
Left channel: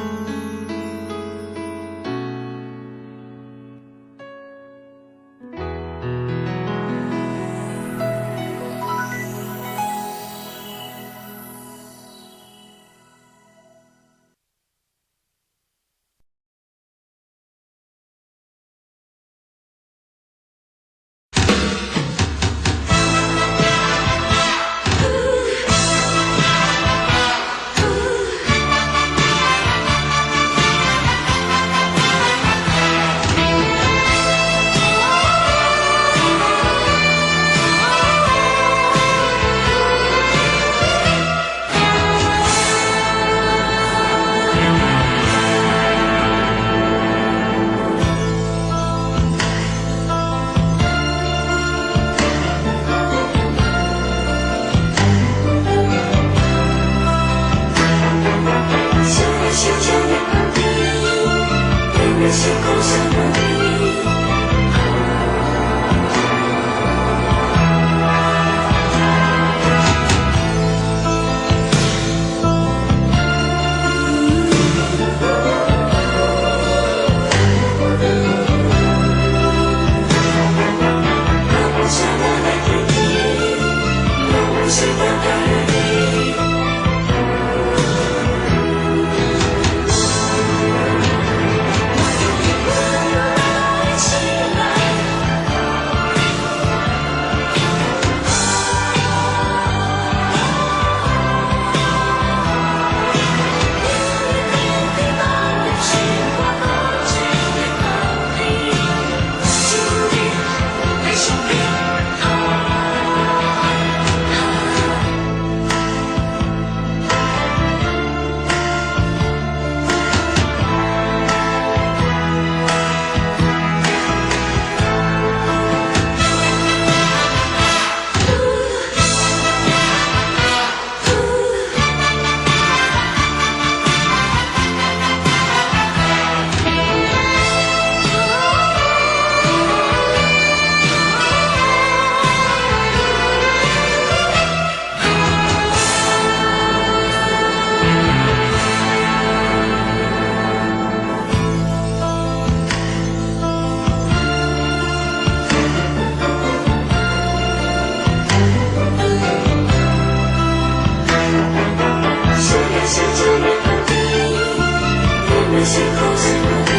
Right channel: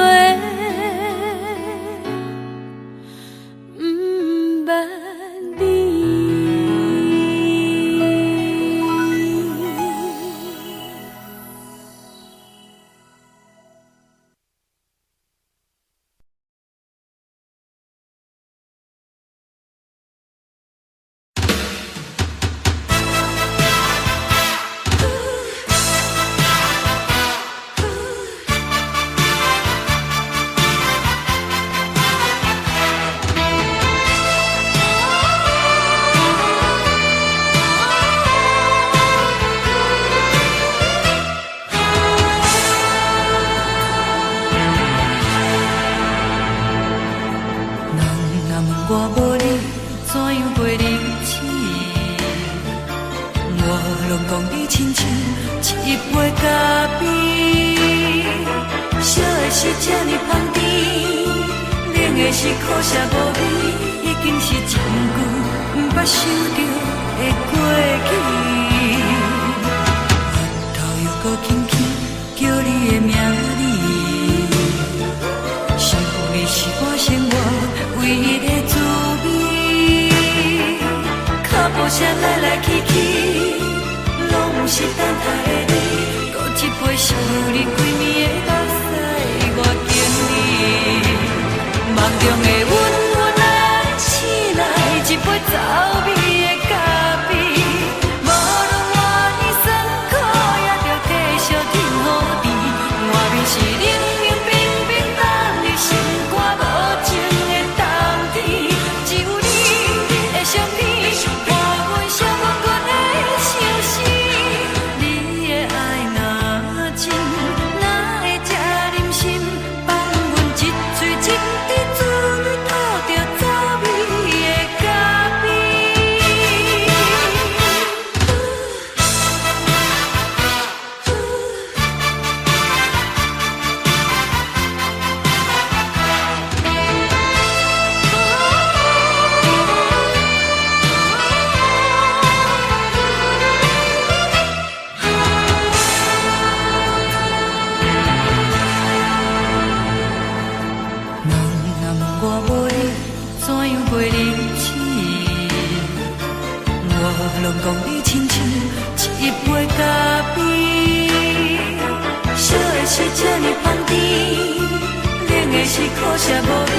是苦涩无味，已经是一句无法想着的过去。头又搁轻轻叫你的名字，想的是我生活唯一的滋味。脚步声来来去去，拢是等待的你，搁一杯想你几年的目屎，我敬你。梦中的阮我来醒来，一杯走味的咖啡，无论我的酸苦，也着继续甜予你。我便是冷冷冰冰放你心肝无情的冬天，只有你的相片，陪阮寂寞过的心事。你的爱若真，哪会这忍心放阮一嘴一滴滋味，倒着滋味的咖啡。是苦涩无味，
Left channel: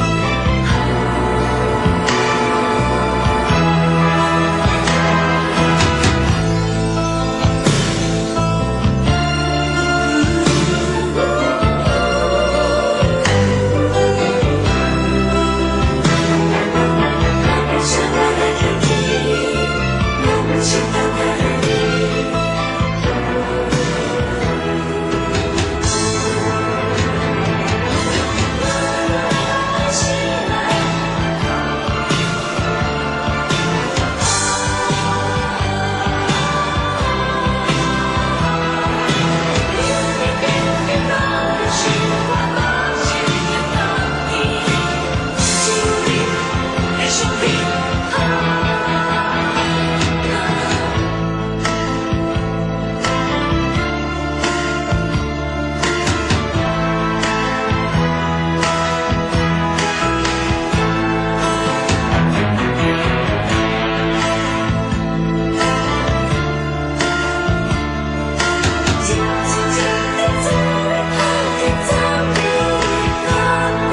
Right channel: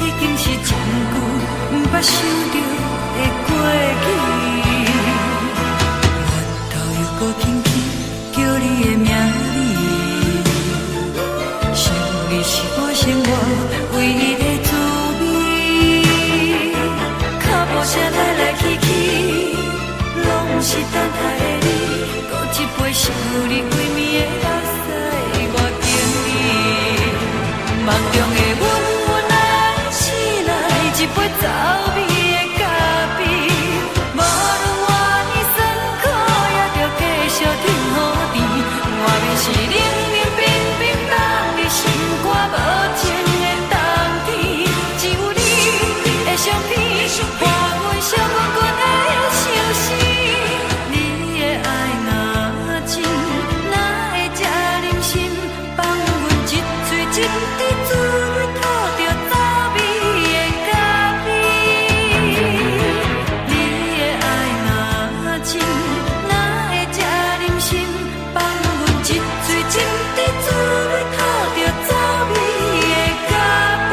已经是一句无法想着的过去。头又搁轻轻叫你的名字，想你是我生活唯一的滋味。脚步声来来去去，拢是等待的你，搁一杯想你几暝的目屎，我敬你。梦中的阮我来醒来，一杯走味的咖啡，无论我的酸苦，也着继续甜予你。我便是冷冷冰冰放你心肝无情的冬天，只有你的相片，陪阮寂寞过的心事。你的爱若真，哪会这忍心放阮一嘴一滴滋味，倒着滋味的咖啡。你的爱若真，哪会这忍心放阮一嘴一滴滋味，倒着滋味的咖啡。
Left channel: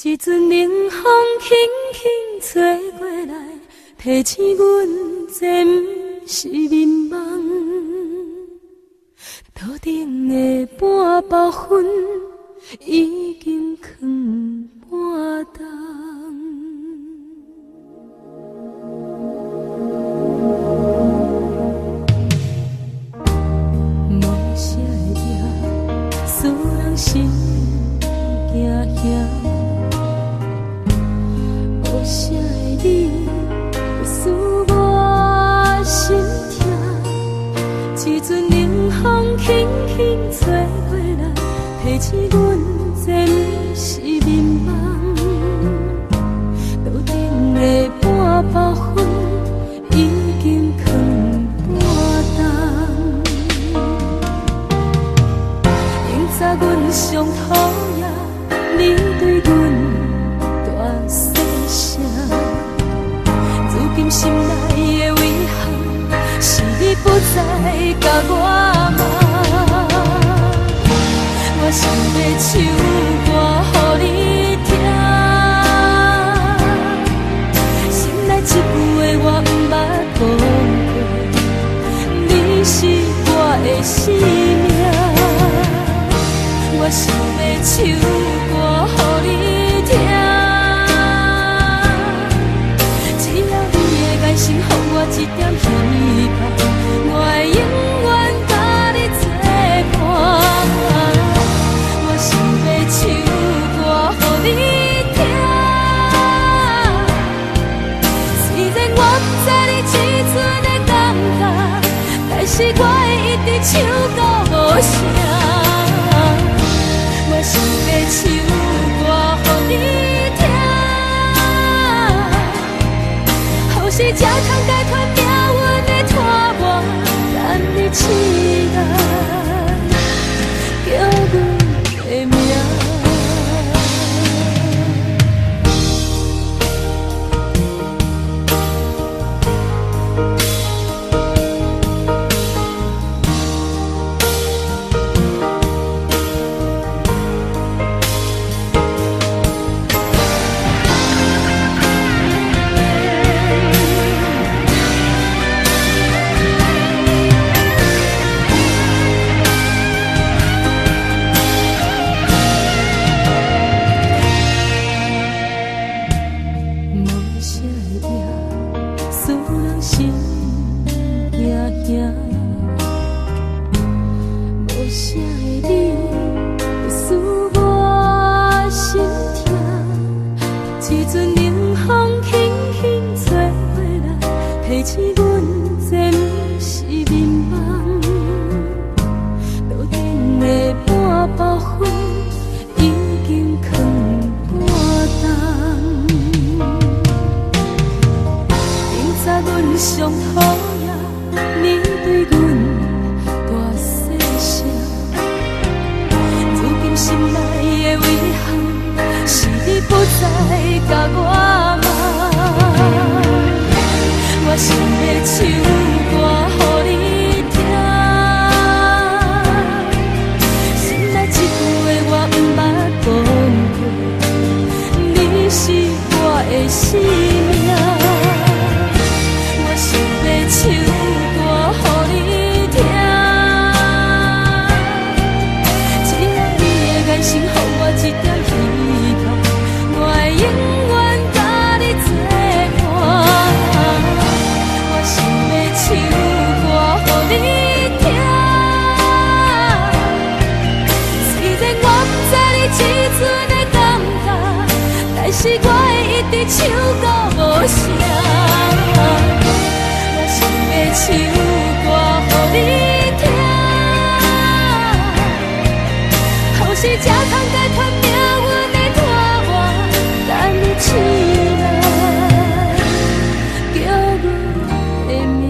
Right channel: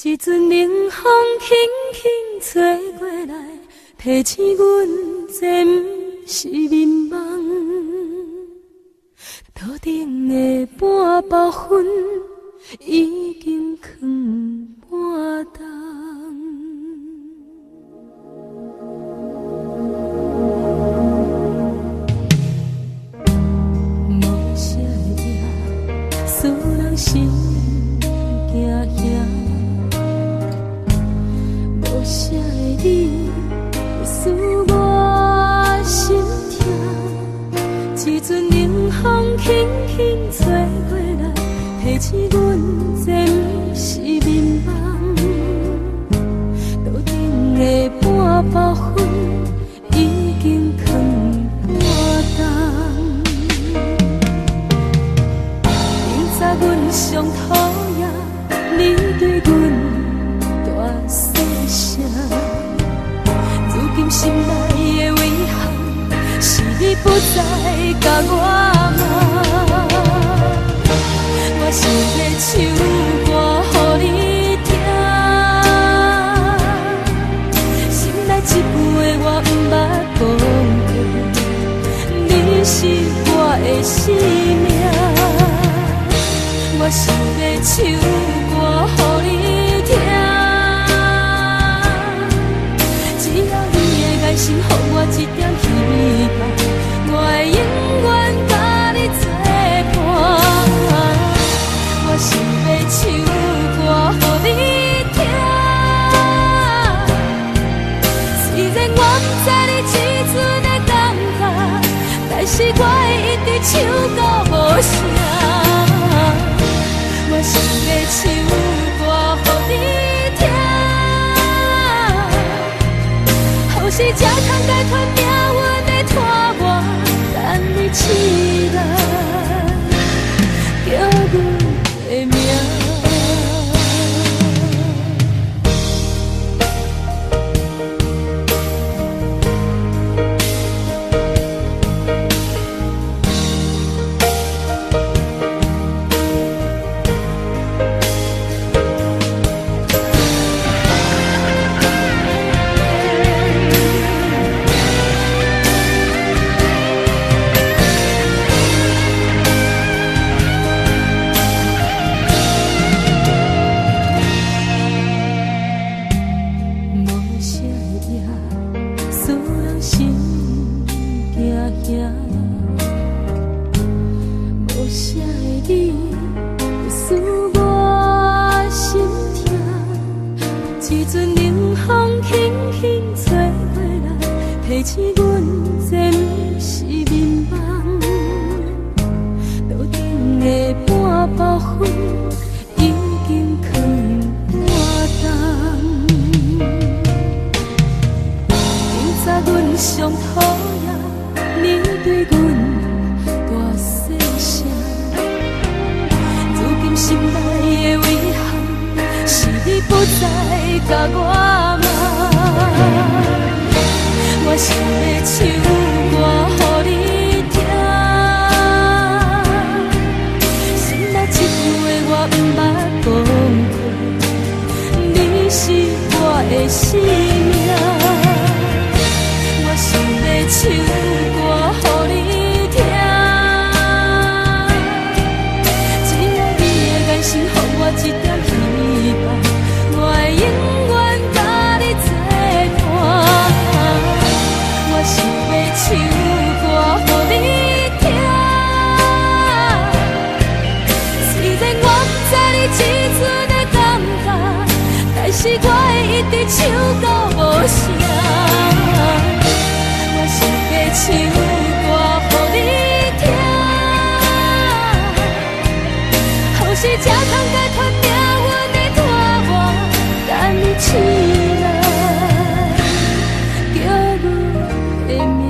一阵冷风轻轻吹过来，提醒阮这不是眠梦。头顶的半包云已经藏半冬。无啥会夜，使人心惊惊。无啥的你，使我心痛。一阵冷风轻轻吹过来，提醒阮这不是眠梦。头顶的半包云已经藏半冬。明早阮上讨厌，你对阮大细声。如今心内的遗憾，是你不再甲我骂。我想要唱歌予你听，心内一句话我不捌讲过，你是我的生命。我想要唱歌予你听。只要你的眼神，予我一点希望，我会永远甲你作伴。我想要唱歌予你听，虽然我不知你这阵的感觉，但是我会一直唱到无声。我想要唱歌予你听，予是才通解脱命运的拖磨，等你起来，叫阮的名。无啥的你，会使我心痛。一阵冷风轻轻吹过来，提醒阮这不是眠梦。路顶的半包烟已经藏半冬。明早阮上讨厌你对阮大细声，如今心内的遗憾，是你不再甲我骂。我想要唱歌予你听，心内这句话我不捌讲过，你是我的生命。我想要唱歌予你听，只要你的眼神，予我一点希望，我会永远甲你作伴。我想要唱歌予你听，虽然我不知你这阵的感觉，但是我会一直唱到无声。我想要唱歌予你听，予是才通解脱命运的拖磨，等你起来，叫阮的名。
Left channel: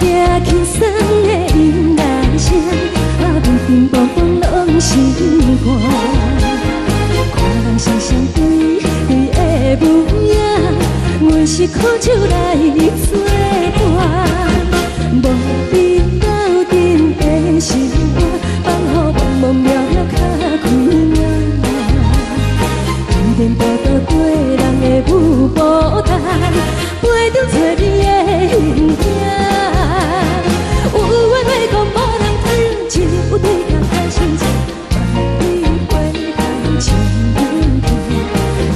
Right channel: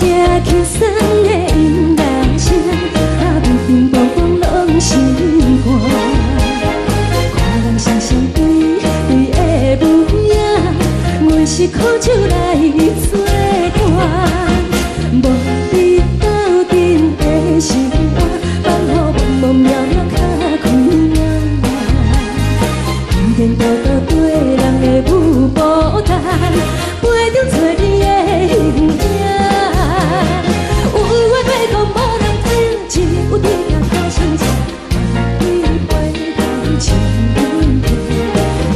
惊轻松的音乐声，乒乒乓乓拢心肝。看人双双对对的舞影，阮是苦酒来作伴。无你斗阵的心肝，放予茫茫渺渺较开眼。颠颠倒倒对人的舞步弹，陪着找你的形影。有话要讲无人听，只有对镜头心情，万里回头像阮听。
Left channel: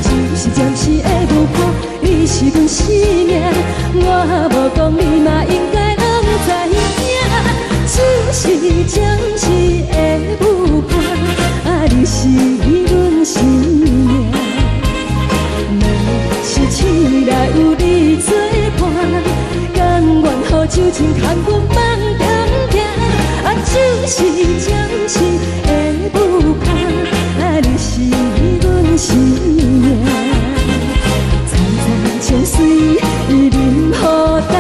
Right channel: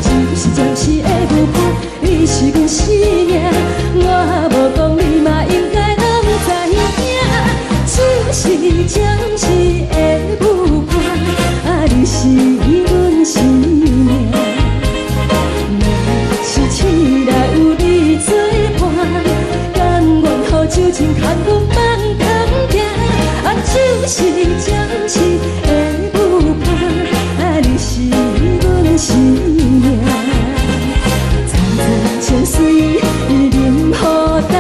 就是暂时的舞伴，你是阮生命，我无讲你嘛应该拢知影。就是暂时的舞伴，你是阮生命。若是醒来有你作伴，甘愿予酒精牵阮放长行。就是暂时的舞伴，你是阮生命。层层情水任何等，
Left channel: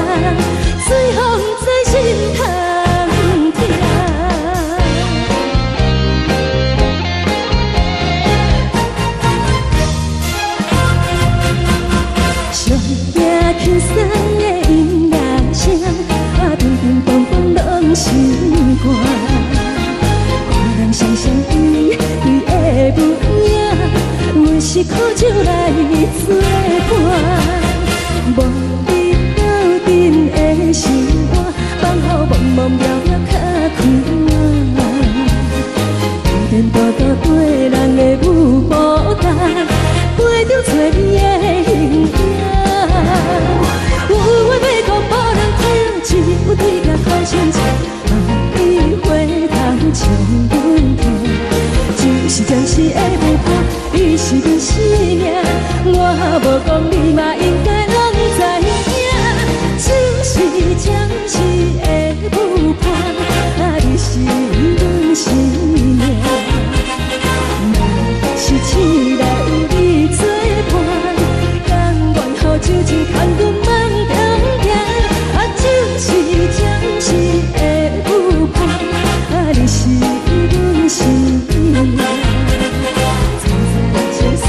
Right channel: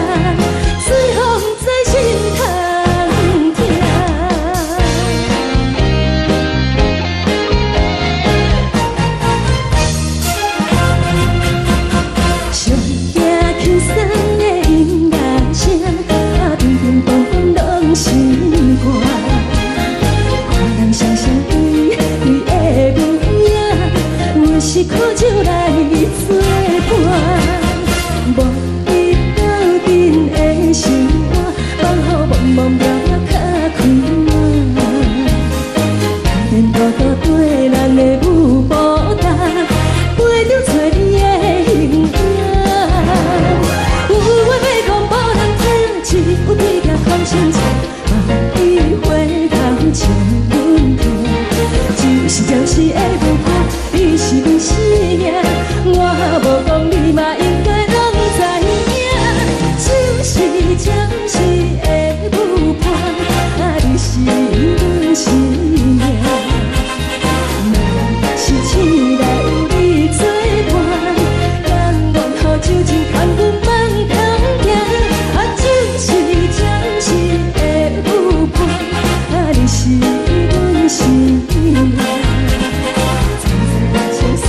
随风在心头。轻松的音乐声，乒乒乓乓拢心肝。看人双双对对的舞影，阮是苦酒来作伴。无你斗阵的心肝，放予茫茫渺渺较开眼。颠颠倒倒对人的舞步弹，陪着找你的形影。有话要讲无人听，只有对镜看心情，望你回头像阮听。就是暂时的舞伴，你是阮生命，我无讲你嘛应该拢知影。就是暂时的舞伴，你是阮生命。若是醒来有你作伴，甘愿予酒精牵阮放长行。就是暂时的舞伴，你是阮生命。层层情水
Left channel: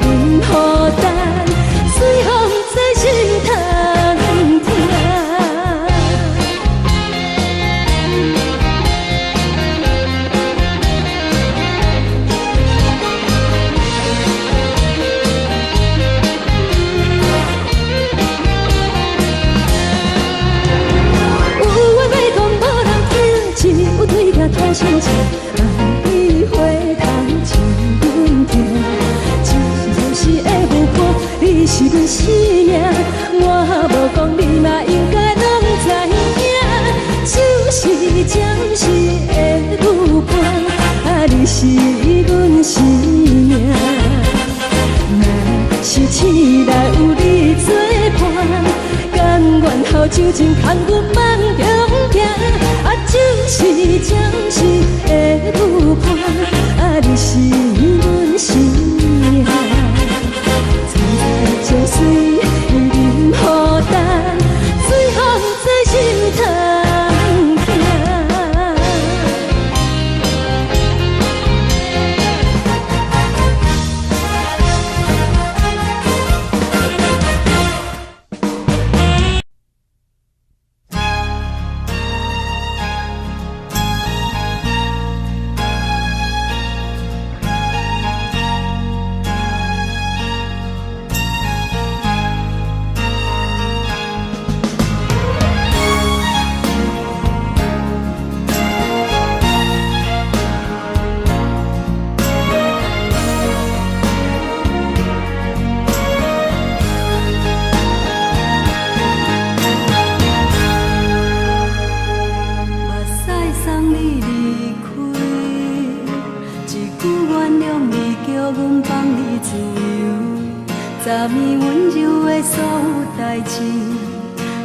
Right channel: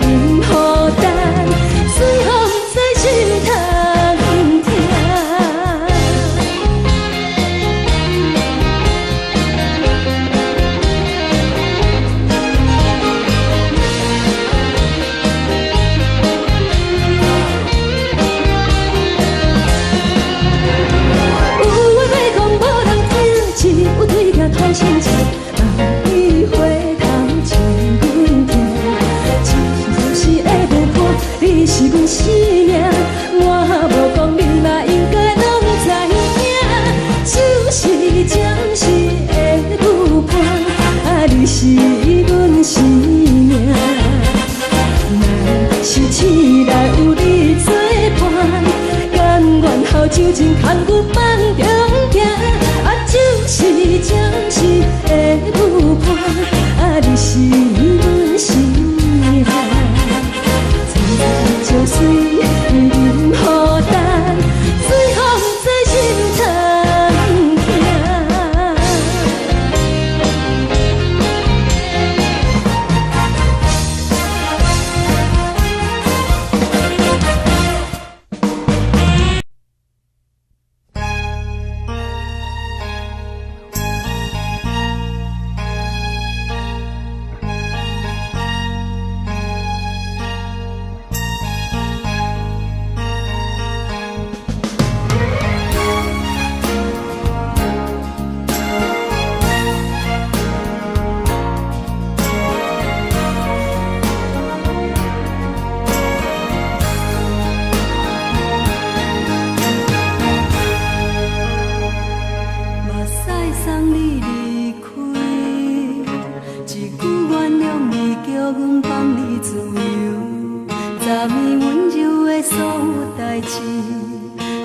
任何等，随风在心头听。有对镜头心情，望你回头像阮听。就是暂时的舞伴，你是阮生命，我无讲你嘛应该拢知影。就是暂时的舞伴，你是阮生命。若是醒来有你作伴，甘愿予酒精牵阮放长行。就是暂时的舞伴，你是阮生命。层层情水任何等，随风在心头听。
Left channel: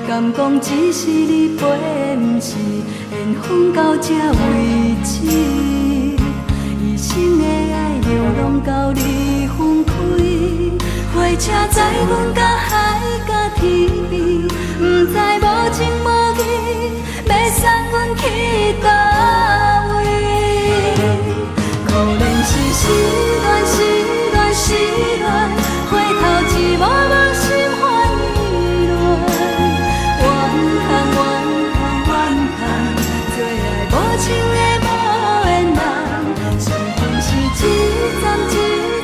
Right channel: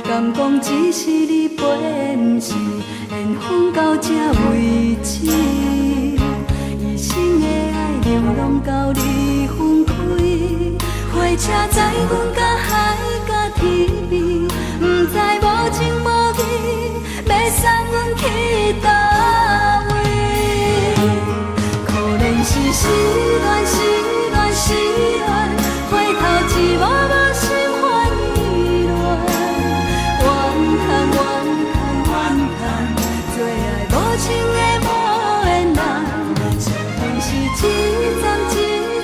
敢讲只是你陪，不是缘分到这为止。一生的爱流浪到你分开，花火车载阮甲海甲天边，不知无情无义，要送阮去倒位？可怜是失恋，失恋，失恋，回头一幕幕心烦意乱，怨叹，怨叹，怨叹，最爱无情的无缘人，上恨是一站一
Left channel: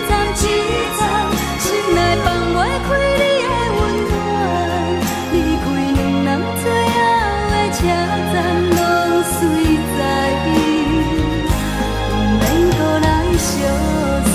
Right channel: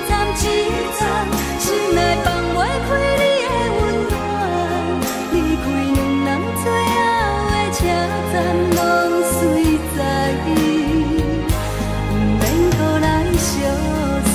站一站，心内放袂开你的温暖，离开两人最后的车站，拢随在伊，不免搁来相送。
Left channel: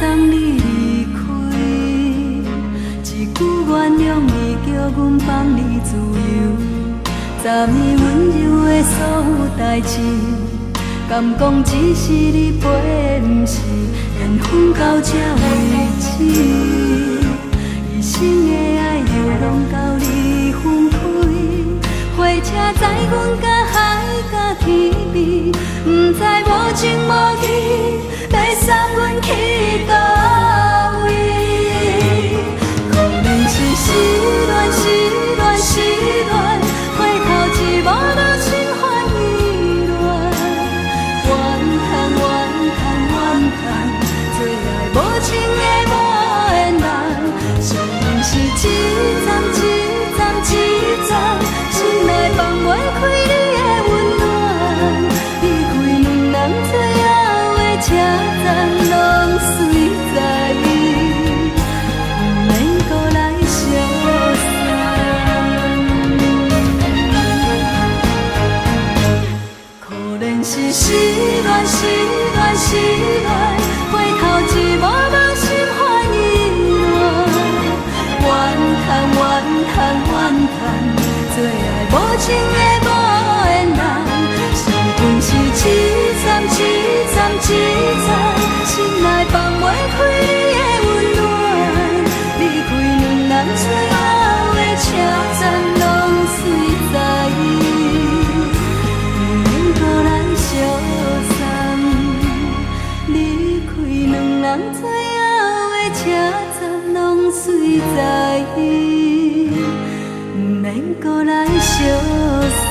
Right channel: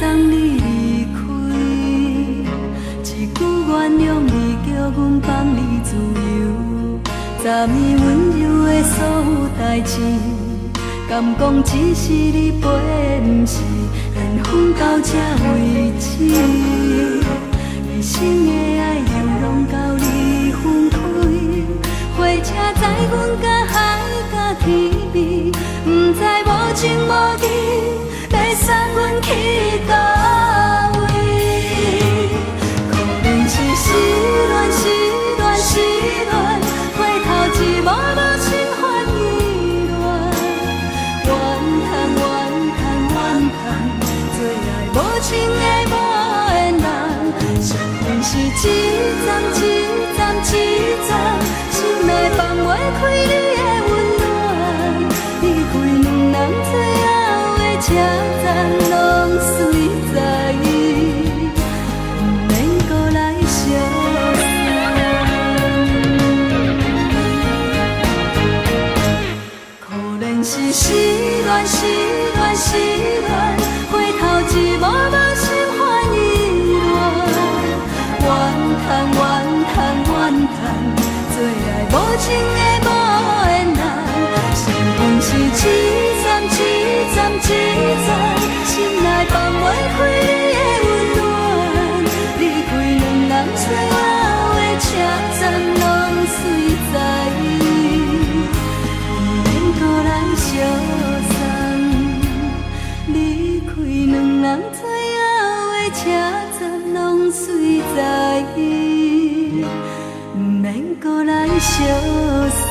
送你离开，一句原谅你，叫阮放你自由。10年温柔的所有代志，敢讲只是你陪，不是缘分到这为止。一生的爱又拢到你分开，火车载阮甲海甲天边，不知无情无义，要送阮去倒位？可怜是失恋，失恋，失恋，回头一幕幕心烦意乱，怨叹，怨叹，怨叹，最爱无情的无缘人，上恨是一站一站一站，心内放袂开你的温暖，离开两人最后的车站，拢随在伊，不免搁来相送。可怜是失恋，失恋，失恋，回头一幕幕心烦意乱，怨叹，怨叹，怨叹，最爱无情的无缘人，上恨是一站一站一站，心内放袂开你的温暖，离开两人最后的车站，拢随在伊，不免搁来相送。离开两人最后的车站，拢随在伊，不免搁来相送。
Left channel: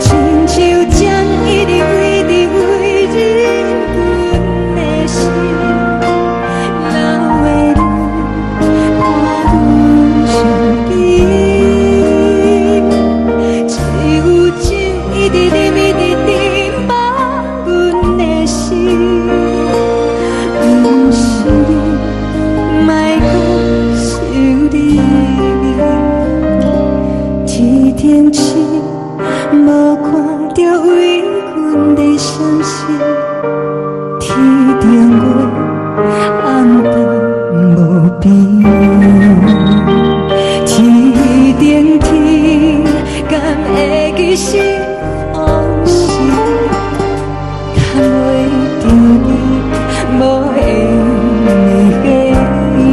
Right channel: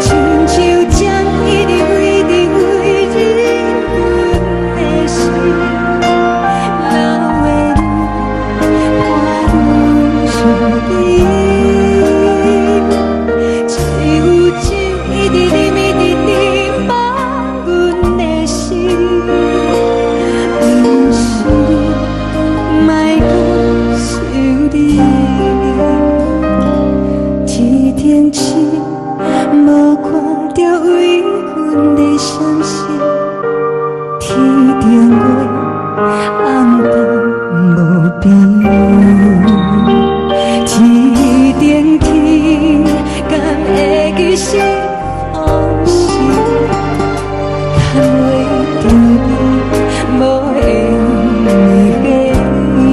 亲像将伊的为边，天顶天，敢会记是往事？牵袂着你，无缘的你。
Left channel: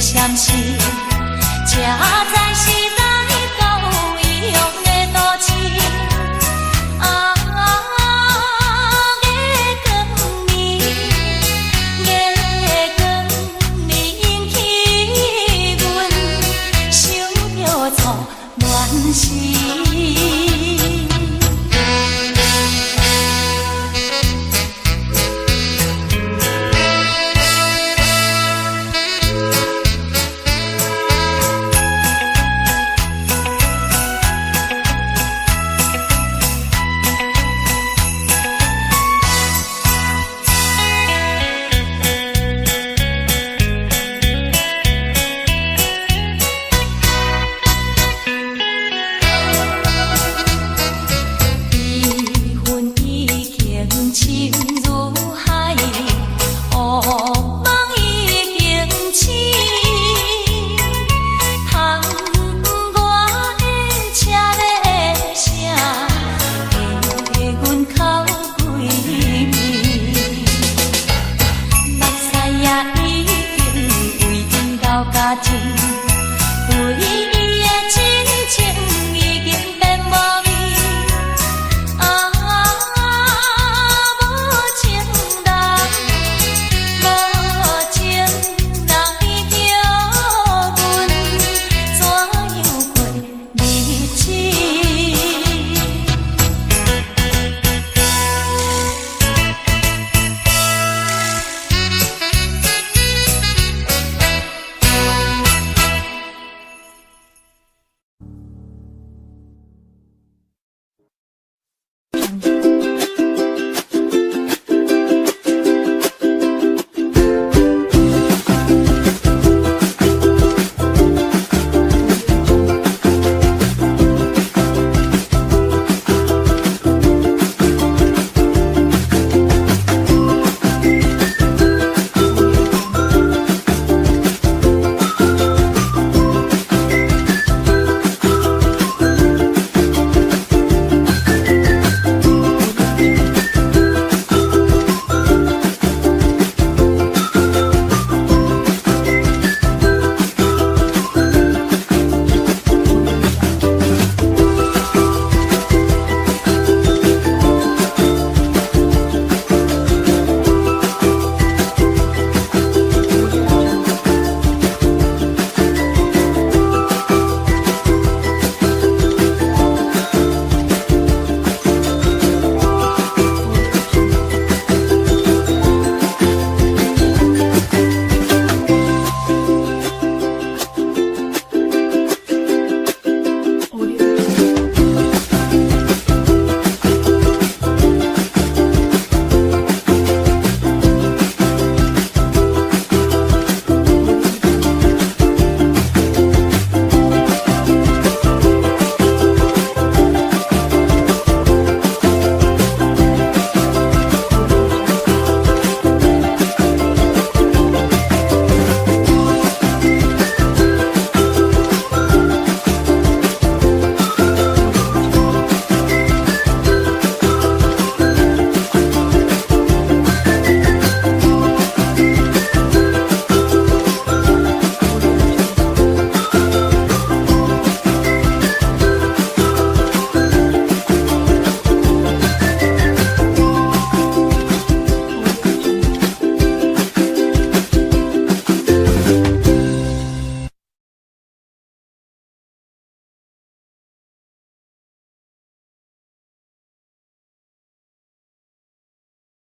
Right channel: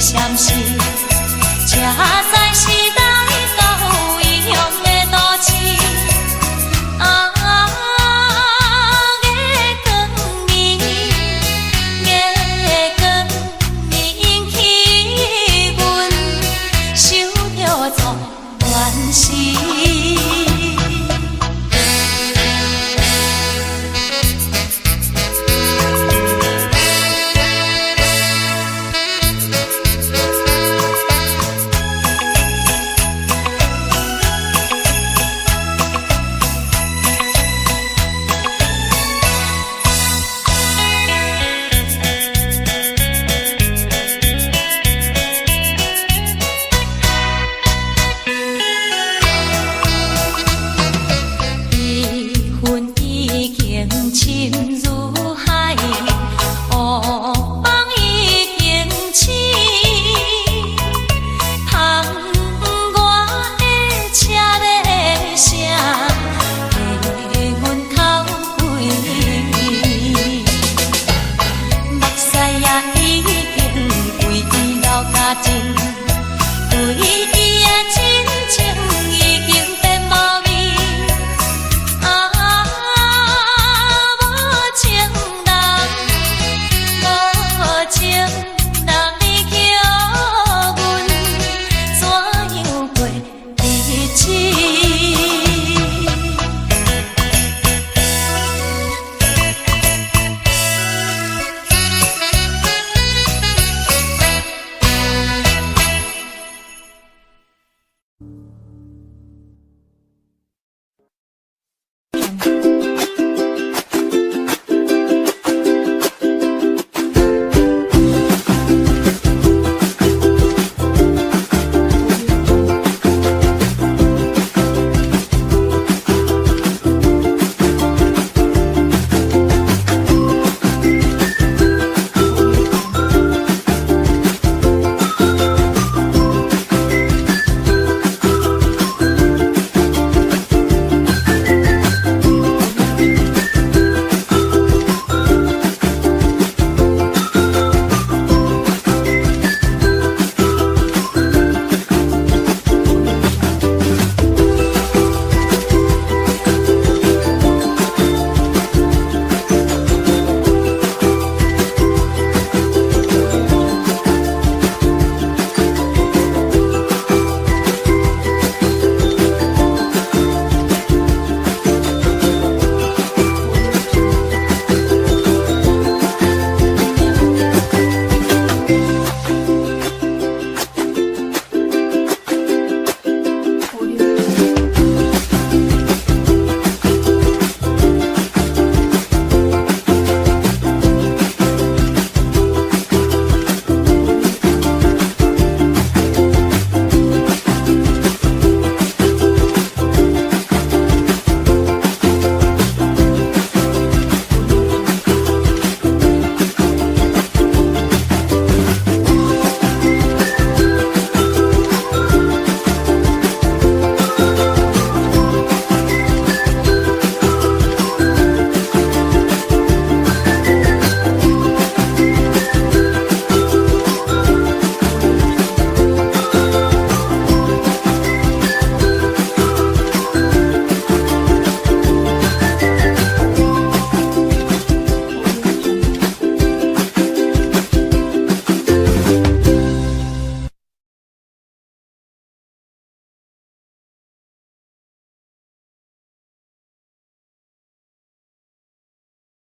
相信。